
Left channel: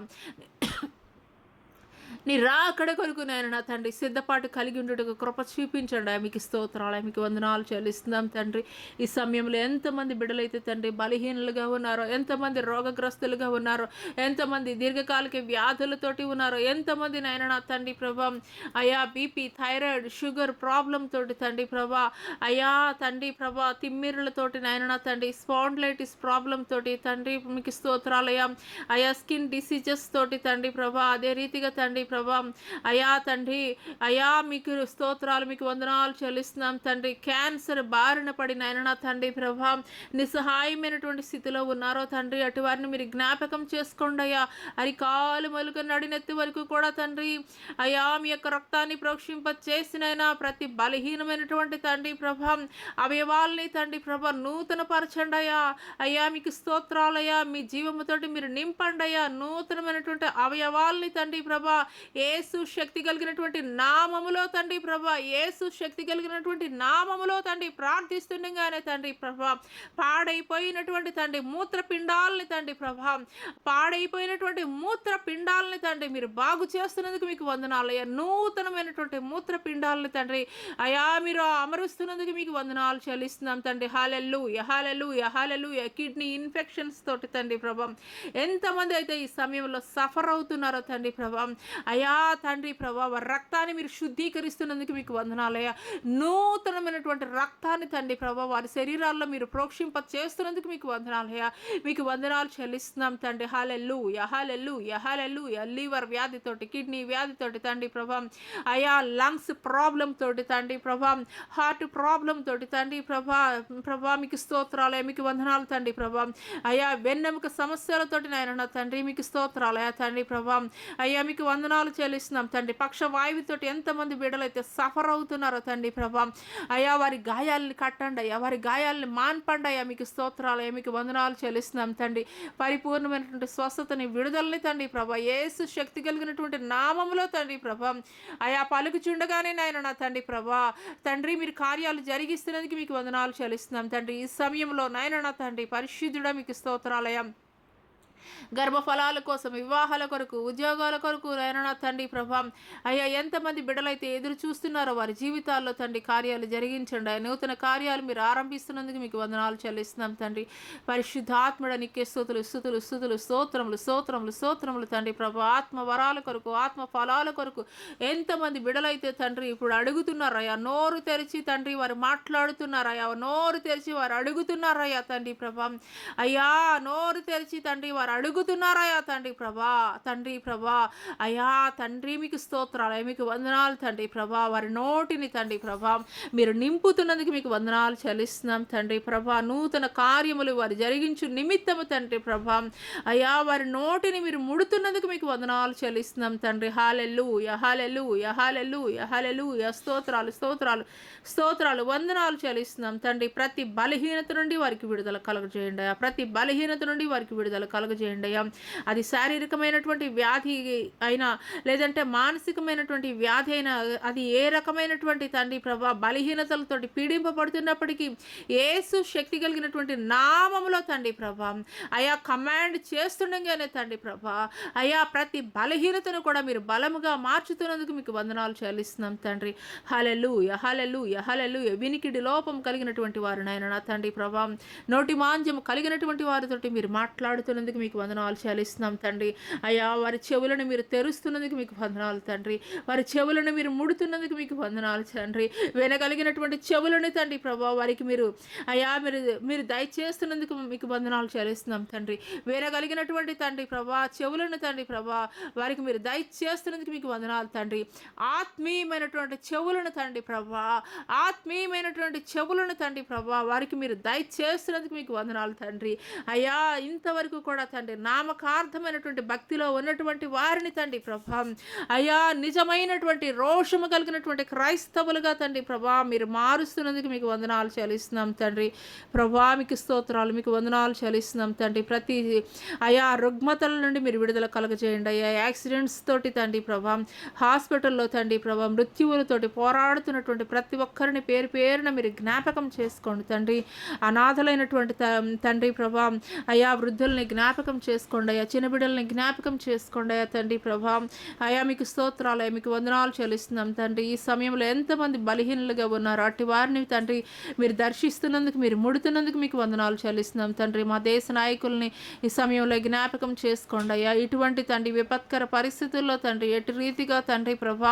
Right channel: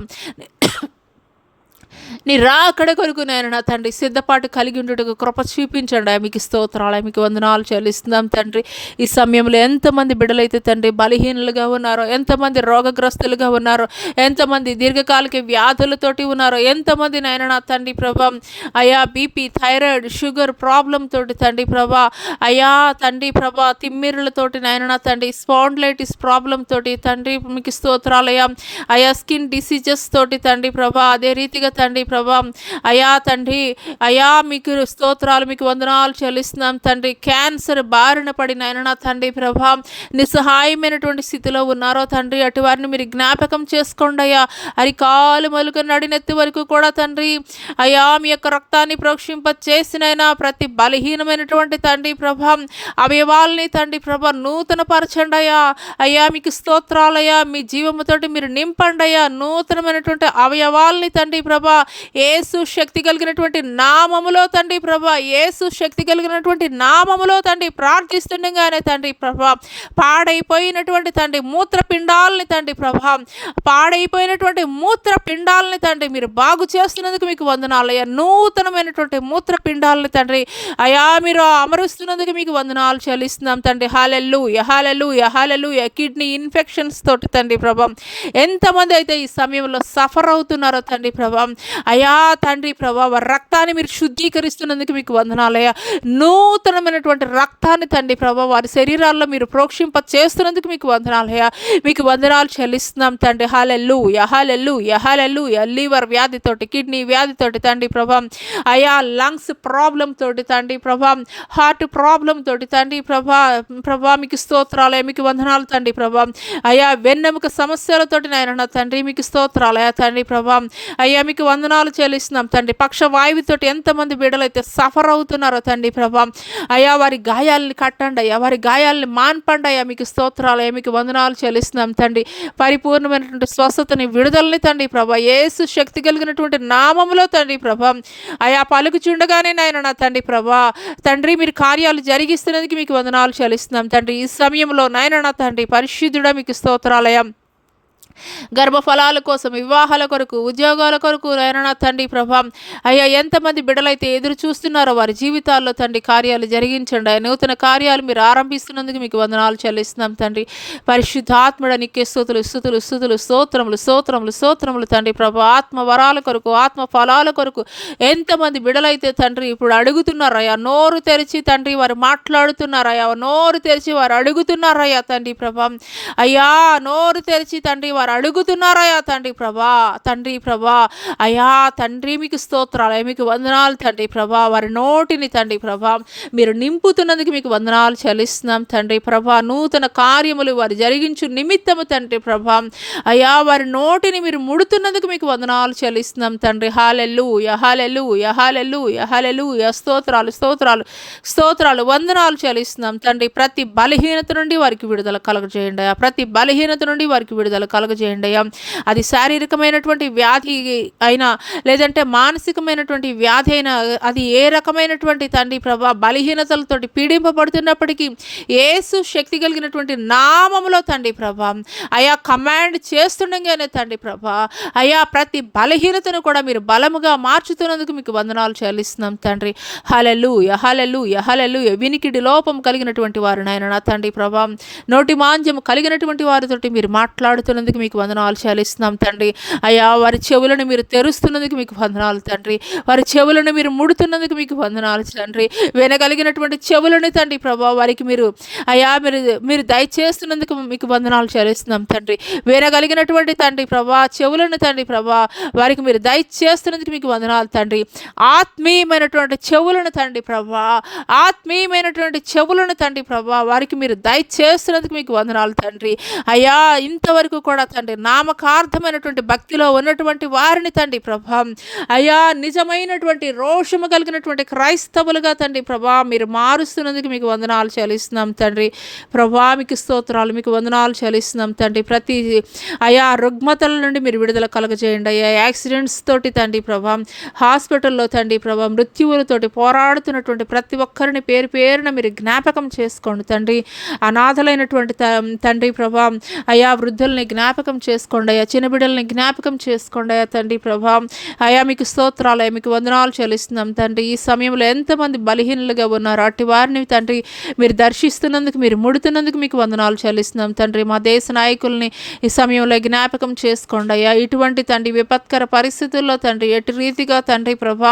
నీ రాకడ కొరకు నేను నా తండ్రి సిద్ధపాటు కలిగి ఉండటకు కృప చూపించండి. మీకు స్తోత్రాలు, మీకు వందనాలు చెల్లిస్తున్నాం తండ్రి. ఈ సమయంలో ఎంతమంది బిడ్డలైతే తండ్రి బలహీనులుగా ఉన్నారో, ఎంతమంది రోగగ్రస్తులుగా ఉన్నారో, ఎంతమంది దీర్ఘకాలిక వ్యాధులతోటి ఉన్నారో, ఎంతమంది నాయన నా తండ్రి ప్రభా అయ్యా బీపీ, థైరాయిడ్, షుగర్ ప్రాబ్లం తోటి తండ్రి ప్రభా అయ్యా తండ్రి ప్రభా తిమ్మిరులతోటి నాయన నా తండ్రి స్పాండిలైటిస్ ప్రాబ్లం తోటి తండ్రి మీకు స్తోత్రాలు అయ్యా. అయ్యా స్కిన్ డిసీజెస్ తోటి తండ్రి ప్రభా అదే రీతిగా తండ్రి ప్రభా. అయా తండ్రి, అయా మీకు స్తోత్రాలు, మీకు వందనాలు చెల్లిస్తున్నాం తండ్రి. క్యాన్సర్ బారిన పడిన ఆయన తండ్రి ప్రభా, నిస్సహాయమైనటువంటి స్థితిలో ఉన్నారో తండ్రి, అటు వారిని మీరు జ్ఞాపకం చేసుకోండి అయ్యా. అరికాలు మొదలుగా నడినెత్తి వరకు కూడా తండ్రి అయా మీ యొక్క రక్తాన్ని ప్రోక్షింప చేసినైనా ప్రతి బలహీనమైనటువంటి తండ్రి ప్రభా అవయవాల్ని తండ్రి ప్రభా నూతన పరచండి అయ్యా. అయ్యా మీకు స్తోత్రాలయ్యా, మీ జీవముతోటి మీరు నింపండి అయ్యా. నూతనమైనటువంటి అవయవాల్ని తండ్రి ప్రభా యేసు శక్తి కలిగినటువంటి నామములో తండ్రి ప్రభా, యేసు శక్తి కలిగినటువంటి నామములో తండ్రి ప్రార్థిస్తుండగానే తండ్రి ప్రభా పాడైపోయినటువంటి తండ్రి మూత్రపిండాలని తండ్రి ప్రభా, పాడైపోయినటువంటి మూత్రపిండాలని తండ్రి మీరు బాగు చేస్తున్నందుకు మీకు వందనాలు అయ్యా. నూతనమైనటువంటి మూత్రపిండాలని తండ్రి అయా మీరు అమరుస్తున్నందుకు మీకు వందనాలు చెల్లిస్తున్నాం తండ్రి. హల్లెలూయా, హల్లెలూయా, హల్లెలూయా. కిడ్నీ ఇన్ఫెక్షన్స్ తోటి తండ్రి ప్రభా ఎంతమంది అయితే ఈ సమయంలో సఫర్ అవుతున్నారో తండ్రి ప్రభా, అయా తండ్రి ప్రభా వారి రక్తాన్ని మీరు శుద్ధీకరిస్తున్నందుకు మీకు వందనాలయ్యా. నూతనమైనటువంటి రక్తాన్ని తండ్రి ప్రభా వారి శరీరాల్లో మీరు ప్రోక్షింప చేస్తున్నందుకు మీకు వందనాలయ్యా. మీకు వందనాలు చెల్లిస్తున్నాం తండ్రి. హల్లెలూయా, హల్లెలూయా, హల్లెలూయా. లివర్ వ్యాధితోటి, కిడ్నీ వ్యాధితోటి తండ్రి ప్రభా, అయా లంగ్స్ ప్రాబ్లం తోటి తండ్రి ప్రభా, హార్ట్ ప్రాబ్లం తోటి తండ్రి ప్రభా మీకు స్తోత్రాలయ, మీకు వందనాలు తండ్రి ప్రభా. అయా వెన్నెముక సమస్యలతోటి నాయన తండ్రి మీకు స్తోత్రాలయ తండ్రి ప్రభా. అయ్యా మీకు వందనాలు చెల్లిస్తున్నాం తండ్రి. పక్షవాయువుతోటి ఎంతమంది బిడ్డలైతే సఫర్ అవుతున్నారో తండ్రి ప్రభా, అయా వారి గాయాలని కట్టండి అయ్యా, వారి గాయాలని మాన్పండి అయ్యా. మీకు స్తోత్రాలయ, మీకు వందనాలు చెల్లిస్తున్నాం తండ్రి. పరిపూర్ణమైనటువంటి స్వస్థతని, విడుదలని తండ్రి ప్రభా యేసు శక్తి కలిగినటువంటి నామములో తండ్రి ప్రభా అయా పలుకుచుండగానే నాయన నా తండ్రి ప్రభా తండ్రి మీరు కార్యాలు జరిగిస్తున్నందుకు మీకు వందనాలు చెల్లిస్తున్నాం తండ్రి. ఈ సమయంలో నాయన నా తండ్రి పరిశుద్ధుడా మీకు స్తోత్రాలయం. గర్భఫలాల కోసం, వివాహాల కొరకు, ఉద్యోగాల కొరకు నాయన తండ్రి ప్రభా అయ్యా ఎంతమంది బిడ్డలైతే ఎదురు చూస్తున్నారో వారి జీవితాల్లో తండ్రి కార్యాలు జరిగించండి. నూతన కార్యాలు మీరు ఆరంభిస్తున్నందుకు మీకు వందనాలు చెల్లిస్తున్నాం తండ్రి. పరిశుద్ధాత్మడ నీకే స్తుతులు, స్తుతులు, స్తుతులు, స్తోత్రములు, స్తోత్రములు, స్తోత్రములు తండ్రి ప్రభా. ఆత్మ వరాల కొరకు, ఆత్మ ఫలాల కొరకు ఎంతమంది బిడ్డలైతే తండ్రి ఇప్పుడు అడుగుతున్నారయ్యా. నోరు తెరిచి తండ్రి వారు మాట్లాడుతున్నారయ్యా, నోరు తెరిచి వారు అడుగుతున్నారయ్యా తండ్రి ప్రభా. అయ్యా నోరు తెరిచి తండ్రి వారు అడుగుతున్నారయ్యా తండ్రి ప్రభా, తండ్రి ప్రభా. అయ్యా తండ్రి మీకు స్తోత్రాలు, మీకు వందనాలు తండ్రి ప్రభా. వారి నోటిని తండ్రి ప్రభా మీరు నింపుతున్నందుకు మీకు వందనాలు చెల్లిస్తున్నాం తండ్రి ప్రభా. నూతన కార్యములు వారు జరిగించు నిమిత్తము తండ్రి ప్రభా అయ్యా వారి నోటిని మీరు ముడుతున్నందుకు మీకు వందనాలు చెల్లిస్తున్నాం తండ్రి. హల్లెలూయా, హల్లెలూయా, హల్లెలూయా, హల్లెలూయా. స్తోత్రాలు, స్తోత్రాలు, స్తోత్రాలు, వందనాలు చెల్లిస్తున్నాం తండ్రి. ప్రతి బలహీనత నుండి వారికి విడుదల కలుగజేయండి అయ్యా. ప్రతి బలహీనత నుండి వారికి విడుదల కలుగజేయండి అయ్యా. అది శారీరకమైనటువంటి వ్యాధి అయినా లేదంటే మానసికమైనటువంటి వ్యాధి అయినా, అది ఏ రకమైనటువంటి తండ్రి ప్రభా బలహీనతలతోటి పీడింపబడుతున్నప్పటికీ యేసు శక్తి కలిగినటువంటి నామములో తండ్రి ప్రభా అయా కమాండ్ చేస్తుండగానే తండ్రి ప్రభా అయా ప్రతి బలహీనతను కూడా మీరు బలముగా మార్చుతున్నందుకు మీకు వందనాలు చెల్లిస్తున్నాం తండ్రి. హల్లెలూయా, హల్లెలూయా, హల్లెలూయా. వినికిడి లోపం కలిగినటువంటి వారు నాయన నా తండ్రి ప్రభా, నోటి మాంద్యము కలిగినటువంటి వారితోటి మీరు మాట్లాడుతున్నందుకు మీకు వందనాలు చెల్లిస్తున్నాం తండ్రి. అయ్యా వారి చెవులను మీరు తెరుస్తున్నందుకు మీకు వందనాలు తండ్రి. వారి చెవులను మీరు ముడుతున్నందుకు మీకు వందనాలు తండ్రి. వినగలిగినటువంటి చెవులను తండ్రి ప్రభా వారికి మీరు అయ్యా మీరు దయచేస్తున్నందుకు మీకు వందనాలు చెల్లిస్తున్నాం తండ్రి. వినగలిగినటువంటి తండ్రి ప్రభా చెవులను తండ్రి ప్రభా వారికి మీరు దయచేస్తున్నందుకు మీకు వందనాలు తండ్రి. ఆత్మీయమైనటువంటి చెవులను తండ్రి ప్రభా, ఆత్మీయమైనటువంటి చెవులను తండ్రి ప్రభా వారికి మీరు దయచేస్తున్నందుకు మీకు వందనాలు తండ్రి. అయ్యా ఇంతవరకు కూడా తండ్రి నామకార్థమైనటువంటి భక్తిలో ఉన్నటువంటి వారిని తండ్రి ప్రభా అయ్యా నిజమైనటువంటి రోషము కలిగినటువంటి క్రైస్తవులుగా తండ్రి ప్రభా మీరు మారుస్తున్నందుకు మీకు వందనాలు చెల్లిస్తున్నాం తండ్రి ప్రభా. మీకు స్తోత్రాలు, మీకు వందనాలు చెల్లిస్తున్నాం తండ్రి. ప్రతి అయా రుగ్మతల నుండి మీరు విడుదల కలుగజేయండి అయ్యా. యాక్సిడెంట్స్ తోటి తండ్రి ప్రభా, హాస్పిటల్లో తండ్రి ప్రభా మృత్యువులతోటి పోరాడుతున్నటువంటి ప్రతి ఒక్కరిని పేరు పేరున మీరు జ్ఞాపకం చేసుకోండి తండ్రి. అనాథలైనటువంటి తండ్రి ప్రభా అయా వృద్ధుల్ని జ్ఞాపకం చేసుకోండి అయ్యా, చిన్న బిడ్డల్ని జ్ఞాపకం చేసుకోండి అయ్యా తండ్రి ప్రభా. అయా మీకు స్తోత్రాలు, మీకు వందనాలు చెల్లిస్తున్నాం తండ్రి. ఈ సమయంలో ఎంతమంది బలహీనులుగా ఉన్నారు అట్టి వారిని తండ్రి మీరు దర్శిస్తున్నందుకు, మీరు ముడుతున్నందుకు మీకు వందనాలు చెల్లిస్తున్నాం తండ్రి. మా దేశ నాయకుల్ని ఈ సమయంలో జ్ఞాపకం చేసుకోండి అయ్యా. ఇటువంటి తండ్రి విపత్కర పరిస్థితుల్లో తండ్రి ఎటు రీతిగా తండ్రి ప్రభా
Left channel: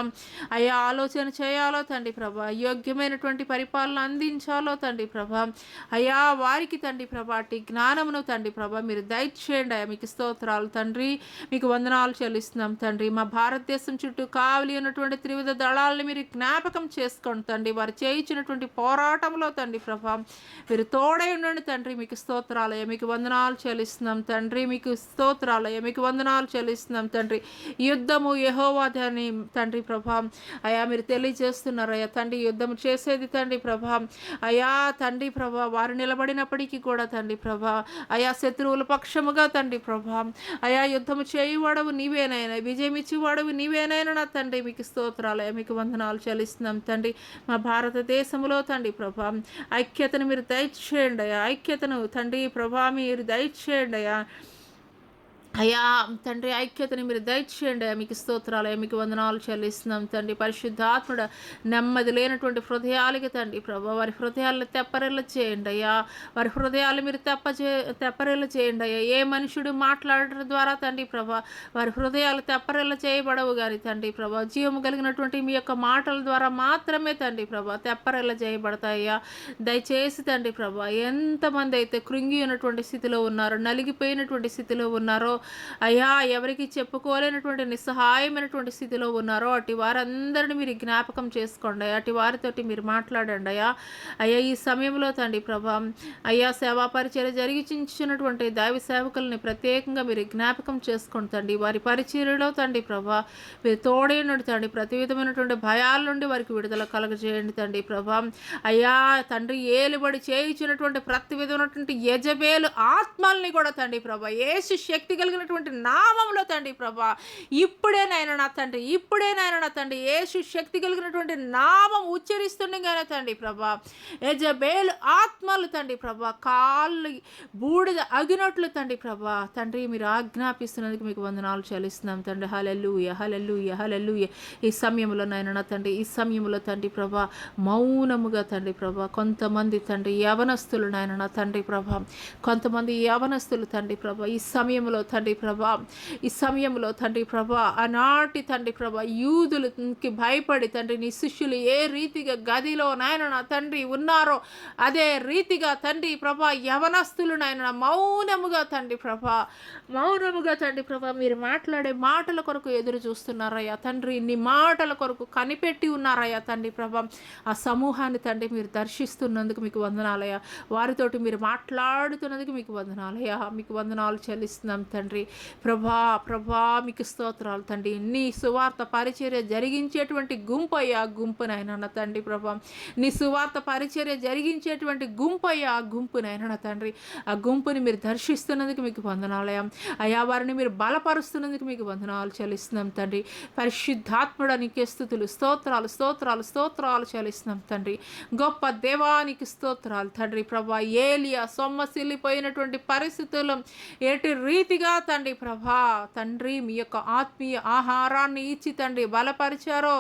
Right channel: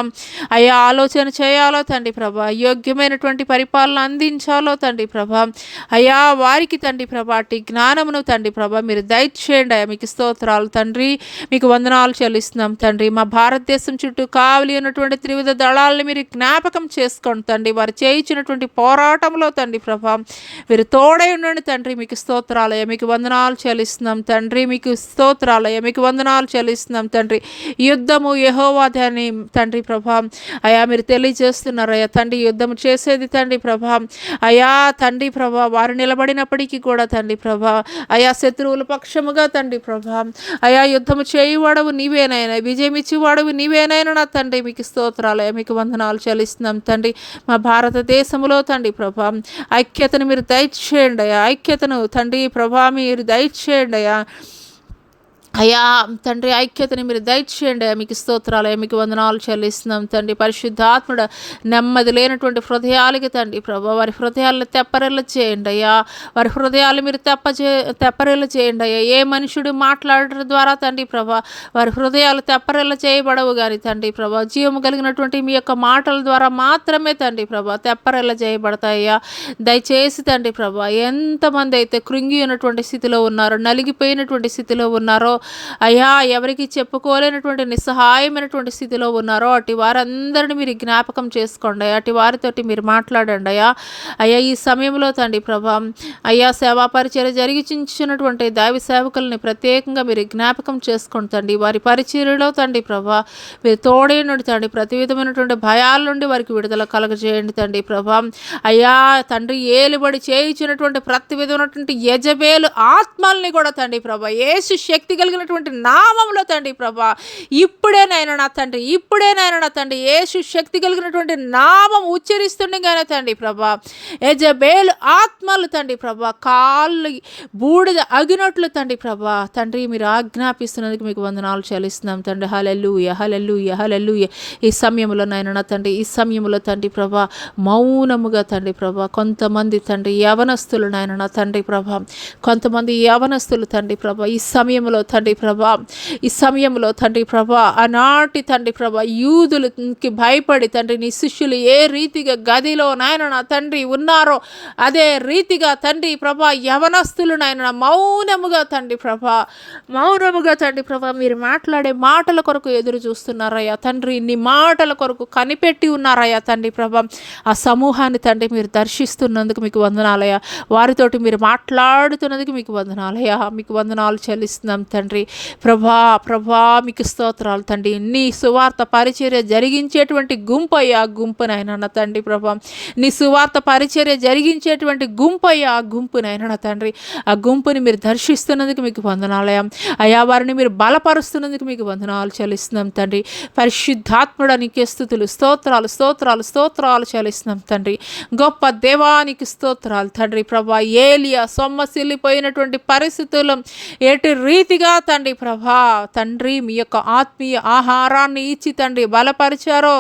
అయ్యా ఆలోచన చేయాలో తండ్రి ప్రభా, యోగ్యమైనటువంటి పరిపాలన అందించాలో తండ్రి ప్రభా అయ్యా వారికి తండ్రి ప్రభా అట్టి జ్ఞానమును తండ్రి ప్రభా మీరు దయచేయండి దయచేయండి అయ్యా. మీకు స్తోత్రాలు తండ్రి, మీకు వందనాలు చెల్లిస్తున్నాం తండ్రి. మా భారతదేశం చుట్టూ కావలి ఉన్నటువంటి త్రివిధ దళాలను మీరు జ్ఞాపకం చేసుకోండి తండ్రి. వారు చేయించినటువంటి పోరాటంలో తండ్రి ప్రభా మీరు తోడై ఉండండి తండ్రి. మీకు స్తోత్రాలయ్య, మీకు వందనాలు చెల్లిస్తున్నాం తండ్రి. మీకు స్తోత్రాలయ్య, మీకు వందనాలు చెల్లిస్తున్నాం తండ్రి. యుద్ధము యెహోవాదే అని తండ్రి ప్రభా అయా మీరు తెలియజేస్తున్నారయ్యా తండ్రి. యుద్ధము చేసేది తండ్రి ప్రభా అయా తండ్రి ప్రభా వారు నిలబడినప్పటికీ కూడా తండ్రి ప్రభా అయా శత్రువుల పక్షముగా తండ్రి ప్రభా అయా యుద్ధము చేయువాడవు నీవేనైనా, విజయం ఇచ్చేవాడవు నీవేనైనా నా తండ్రి. మీకు స్తోత్రాలయ్య, మీకు వందనాలు చెల్లిస్తున్నాం తండ్రి. మా భారతదేశంలో తండ్రి ప్రభా ఐక్యతను మీరు దయచేయండి అయ్యా. ఐక్యతను తండ్రి ప్రభా మీరు దయచేయండి అయ్యా. అయ్యా తండ్రి ఐక్యతని మీరు దయచేయండి. మీకు స్తోత్రాలయ్య, మీకు వందనాలు చెల్లిస్తున్నాం తండ్రి. పరిశుద్ధాత్ముడ నెమ్మది లేనటువంటి హృదయాలకి తండ్రి ప్రభా వారి హృదయాలను తెప్పరెల్ల చేయండి అయ్యా. వారి హృదయాలు మీరు తెప్పరెల్ల చేయండి అయ్యా. ఏ మనుషుడు మాట్లాడటం ద్వారా తండ్రి ప్రభా వారి హృదయాలు తెప్పరెల్ల చేయబడవు కానీ తండ్రి ప్రభా జీవము కలిగినటువంటి మీ యొక్క మాటల ద్వారా మాత్రమే తండ్రి ప్రభా తెప్పరెల్ల చేయబడతాయ్యా. దయచేసి తండ్రి ప్రభా ఎంతమంది అయితే కృంగి ఉన్నటువంటి స్థితిలో ఉన్నారో, నలిగిపోయినటువంటి స్థితిలో ఉన్నారో అయ్యా, ఎవరికి చెప్పుకోలేనటువంటి నిస్సహాయమైనటువంటి స్థితిలో ఉన్నారో అటు వారందరినీ మీరు జ్ఞాపకం చేసుకోండి. అటు వారితోటి మీరు మాట్లాడండి అయ్యా. అయ్యా ఈ సమయంలో తండ్రి ప్రభా అయ్యా సేవా పరిచర్య జరిగించినటువంటి దైవ సేవకుల్ని ప్రత్యేకంగా మీరు జ్ఞాపకం చేసుకోండి తండ్రి. వారి పరిచర్యలో తండ్రి ప్రభా మీరు తోడేయండి తండ్రి. ప్రతి విధమైనటువంటి భయాల నుండి వారికి విడుదల కలగజేయండి తండ్రి ప్రభా అయ్యా తండ్రి. ఏలుబడి చేయించినటువంటి ప్రతి విధమైనటువంటి యజబేలు ఆత్మల్ని కూడా తండ్రి ప్రభా యేసు శక్తి కలిగినటువంటి నామంలో తండ్రి ప్రభా ఇప్పుడేనైనా నా తండ్రి, ఇప్పుడేనైనా నా తండ్రి యేసు శక్తి కలిగినటువంటి నామం ఉచ్చరిస్తుండగానే తండ్రి ప్రభా యెజబేలు ఆత్మలు తండ్రి ప్రభా కాళ్ళు బూడిద అగినట్లు తండ్రి ప్రభా తండ్రి మీరు ఆజ్ఞాపిస్తున్నందుకు మీకు వందనాలు చెల్లిస్తున్నాం తండ్రి. హల్లెలూయా, హల్లెలూయా, హల్లెలూయా. ఈ సమయంలో నాయన నా తండ్రి, ఈ సమయంలో తండ్రి ప్రభా మౌనముగా తండ్రి ప్రభా కొంతమంది తండ్రి యవనస్తులు నాయన నా తండ్రి ప్రభా కొంతమంది యవనస్తులు తండ్రి ప్రభా ఈ సమయంలో తండ్రి ప్రభా ఈ సమయంలో తండ్రి ప్రభా ఆనాటి తండ్రి ప్రభా యూదులకి భయపడి తండ్రి నీ శిష్యులు ఏ రీతిగా గదిలో నాయన నా తండ్రి ఉన్నారో అదే రీతిగా తండ్రి ప్రభా యవనస్తులు నాయన మౌనముగా తండ్రి ప్రభా మీరు మాట్లాడే మాటల కొరకు ఎదురు చూస్తున్నారయ్యా తండ్రి. నీ మాటల కొరకు కనిపెట్టి ఉన్నారయ్యా తండ్రి ప్రభా. ఆ సమూహాన్ని తండ్రి మీరు దర్శిస్తున్నందుకు మీకు వందనాలయ్యా. వారితోటి మీరు మాట్లాడుతున్నందుకు మీకు వందనాలయ్యా. మీకు వందనాలు చెల్లిస్తున్నాం తండ్రి ప్రభా మీకు స్తోత్రాలు తండ్రి. నీ సువార్త పరిచర్య జరిగించేటువంటి గుంపు అయ్యా గుంపునైనా తండ్రి ప్రభా నీ సువార్త పరిచర్య జరిగించేటువంటి గుంపు అయ్యా ఆ గుంపునైనా తండ్రి. ఆ గుంపుని మీరు దర్శిస్తున్నందుకు మీకు వందనాలయ్యా. అయా వారిని మీరు బలపరుస్తున్నందుకు మీకు వందనాలు చెల్లిస్తున్నాం తండ్రి. పరిశుద్ధాత్ముడా నీకే స్తుతులు స్తోత్రాలు స్తోత్రాలు స్తోత్రాలు చెల్లిస్తున్నాం తండ్రి. గొప్ప దేవానికి స్తోత్రాలు తండ్రి ప్రభా. ఏలియా సొమ్మసిల్లిపోయినటువంటి పరిస్థితుల్లో ఎటు రీతిగా తండ్రి ప్రభా తండ్రి మీ యొక్క ఆత్మీయ ఆహారాన్ని ఇచ్చి తండ్రి బలపరిచారో,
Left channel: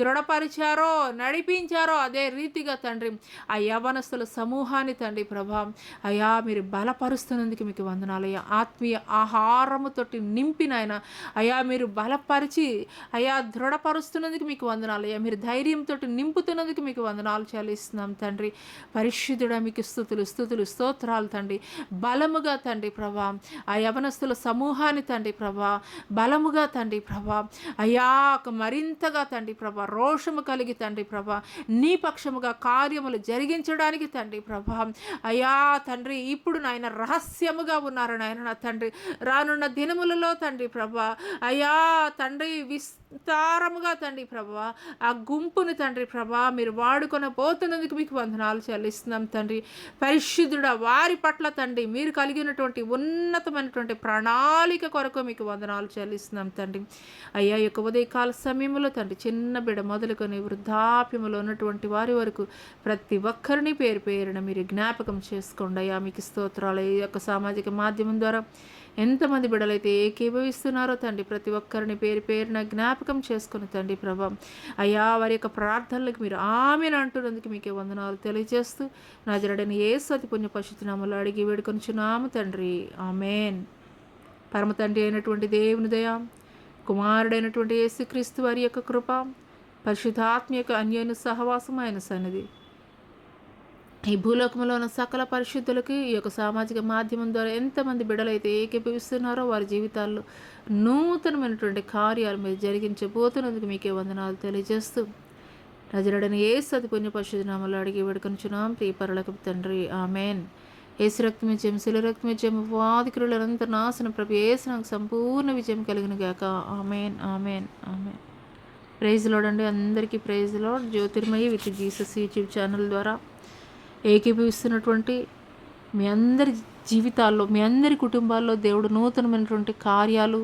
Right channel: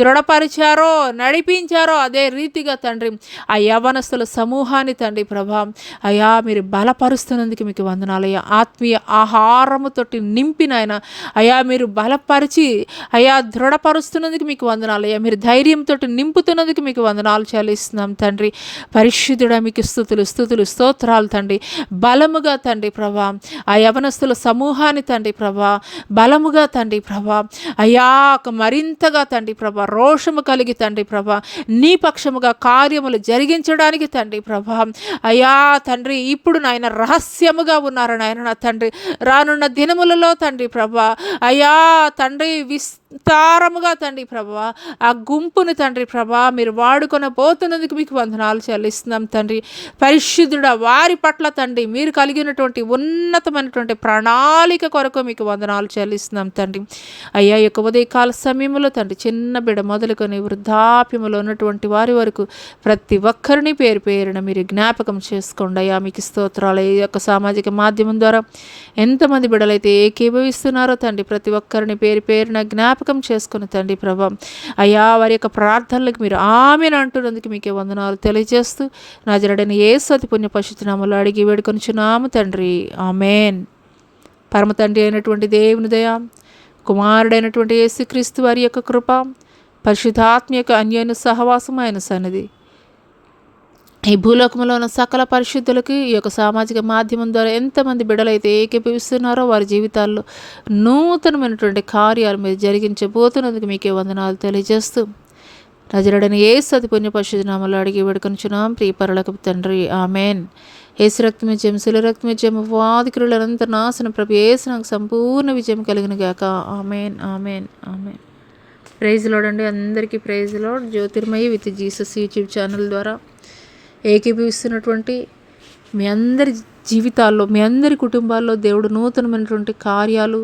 దృఢపరిచారో, నడిపించారో అదే రీతిగా తండ్రి ఆ యవనస్తుల సమూహాన్ని తండ్రి ప్రభా అయా మీరు బలపరుస్తున్నందుకు మీకు వందనాలయ్యా. ఆత్మీయ ఆహారముతోటి నింపినైనా అయా మీరు బలపరిచి అయా దృఢపరుస్తున్నందుకు మీకు వందనాలయ్యా. మీరు ధైర్యంతో నింపుతున్నందుకు మీకు వందనాలు చెల్లిస్తున్నాం తండ్రి. పరిశుద్ధుడా మీకు స్తుతులు స్తుతులు స్తోత్రాలు తండ్రి. బలముగా తండ్రి ప్రభా ఆ యవనస్తుల సమూహాన్ని తండ్రి ప్రభా బలముగా తండ్రి ప్రభా అయా మరింతగా తండ్రి ప్రభా రోషము కలిగి తండ్రి ప్రభా నీ పక్షముగా కార్యములు జరిగించడానికి తండ్రి ప్రభా అయా తండ్రి ఇప్పుడు నాయన రహస్యముగా ఉన్నారు నాయన నా తండ్రి. రానున్న దినములలో తండ్రి ప్రభా అయా తండ్రి విస్తారముగా తండ్రి ప్రభా ఆ గుంపుని తండ్రి ప్రభా మీరు వాడుకొని పోతున్నందుకు మీకు వందనాలు చెల్లిస్తున్నాం తండ్రి. పరిశుద్ధుడా వారి పట్ల తండ్రి మీరు కలిగినటువంటి ఉన్నతమైనటువంటి ప్రణాళిక కొరకు మీకు వందనాలు చెల్లిస్తున్నాం తండ్రి. అయ్యా యొక్క ఉదయకాల సమయంలో తండ్రి చిన్న బిడ్డ మొదలుకొని వృద్ధాప్యములో ఉన్నటువంటి వారి వరకు ప్రతి ఒక్కరిని పేరు పేరున మీరు జ్ఞాపకం చేసుకోండి అయ్యా. మీకు స్తోత్రాలు. ఈ యొక్క సామాజిక మాధ్యమం ద్వారా ఎంతమంది బిడ్డలైతే ఏకీభవిస్తున్నారో తండ్రి ప్రతి ఒక్కరిని పేరు పేరున జ్ఞాపకం చేసుకుని తండ్రి ప్రభా అయ్యా వారి యొక్క ప్రార్థనలకు మీరు ఆమెను అంటున్నందుకు మీకే వందనాలు తెలియజేస్తూ నాజరేయుడైన యేసు అతి పుణ్య పరిశుద్ధ నామములో అడిగి వేడుకొనుచున్నాము తండ్రి. ఆమేన్. పరమ తండ్రి అయినటువంటి దేవుని దయ, కుమారుడైనటువంటి యేసుక్రీస్తు వారి యొక్క కృప, పరిశుద్ధాత్మ యొక్క అన్యోన్య సహవాసం ఆయన సన్నిధి ఈ భూలోకంలో ఉన్న సకల పరిశుద్ధులకి ఈ యొక్క సామాజిక మాధ్యమం ద్వారా ఎంతమంది బిడ్డలైతే ఏకీభవిస్తున్నారో వారి జీవితాల్లో నూతనమైనటువంటి కార్యాలు మీరు జరిగించబోతున్నందుకు మీకే వందనాలు తెలియజేస్తూ నజరుడని యేసు అతి పుణ్య పరిశుద్ధ నామములో అడిగి వేడుకొనుచున్నాం ప్రియ పరలోకపు తండ్రి ఆమెన్. యేసు రక్తమిజయం శిల రక్తమిజయం వాది క్రియలంత నాశనం ప్రభు యేసు నాకు సంపూర్ణ విజయం కలిగిన గాక. Amen amen amen. Praise Lord అండి, అందరికీ praise Lord. Jyothirmayi with Jesus YouTube channel ద్వారా ఏకీభవిస్తున్నటువంటి మీ అందరి జీవితాల్లో, మీ అందరి కుటుంబాల్లో దేవుడు నూతనమైనటువంటి కార్యాలు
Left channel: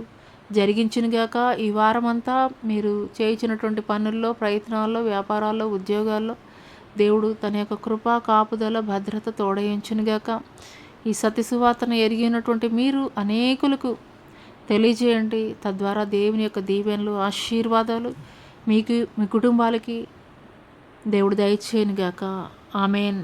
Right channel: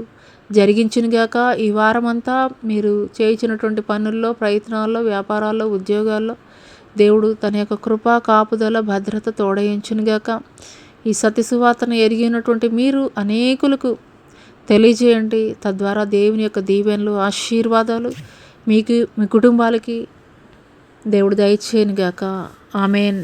జరిగించునుగాక. ఈ వారమంతా మీరు చేయించినటువంటి పనుల్లో, ప్రయత్నాల్లో, వ్యాపారాల్లో, ఉద్యోగాల్లో దేవుడు తన యొక్క కృపా కాపుదల భద్రత తోడయించునుగాక. ఈ సత్యసువార్తను ఎరిగినటువంటి మీరు అనేకులకు తెలియజేయండి. తద్వారా దేవుని యొక్క దీవెనలు, ఆశీర్వాదాలు మీకు, మీ కుటుంబాలకి దేవుడు దయచేయునుగాక. ఆమెన్.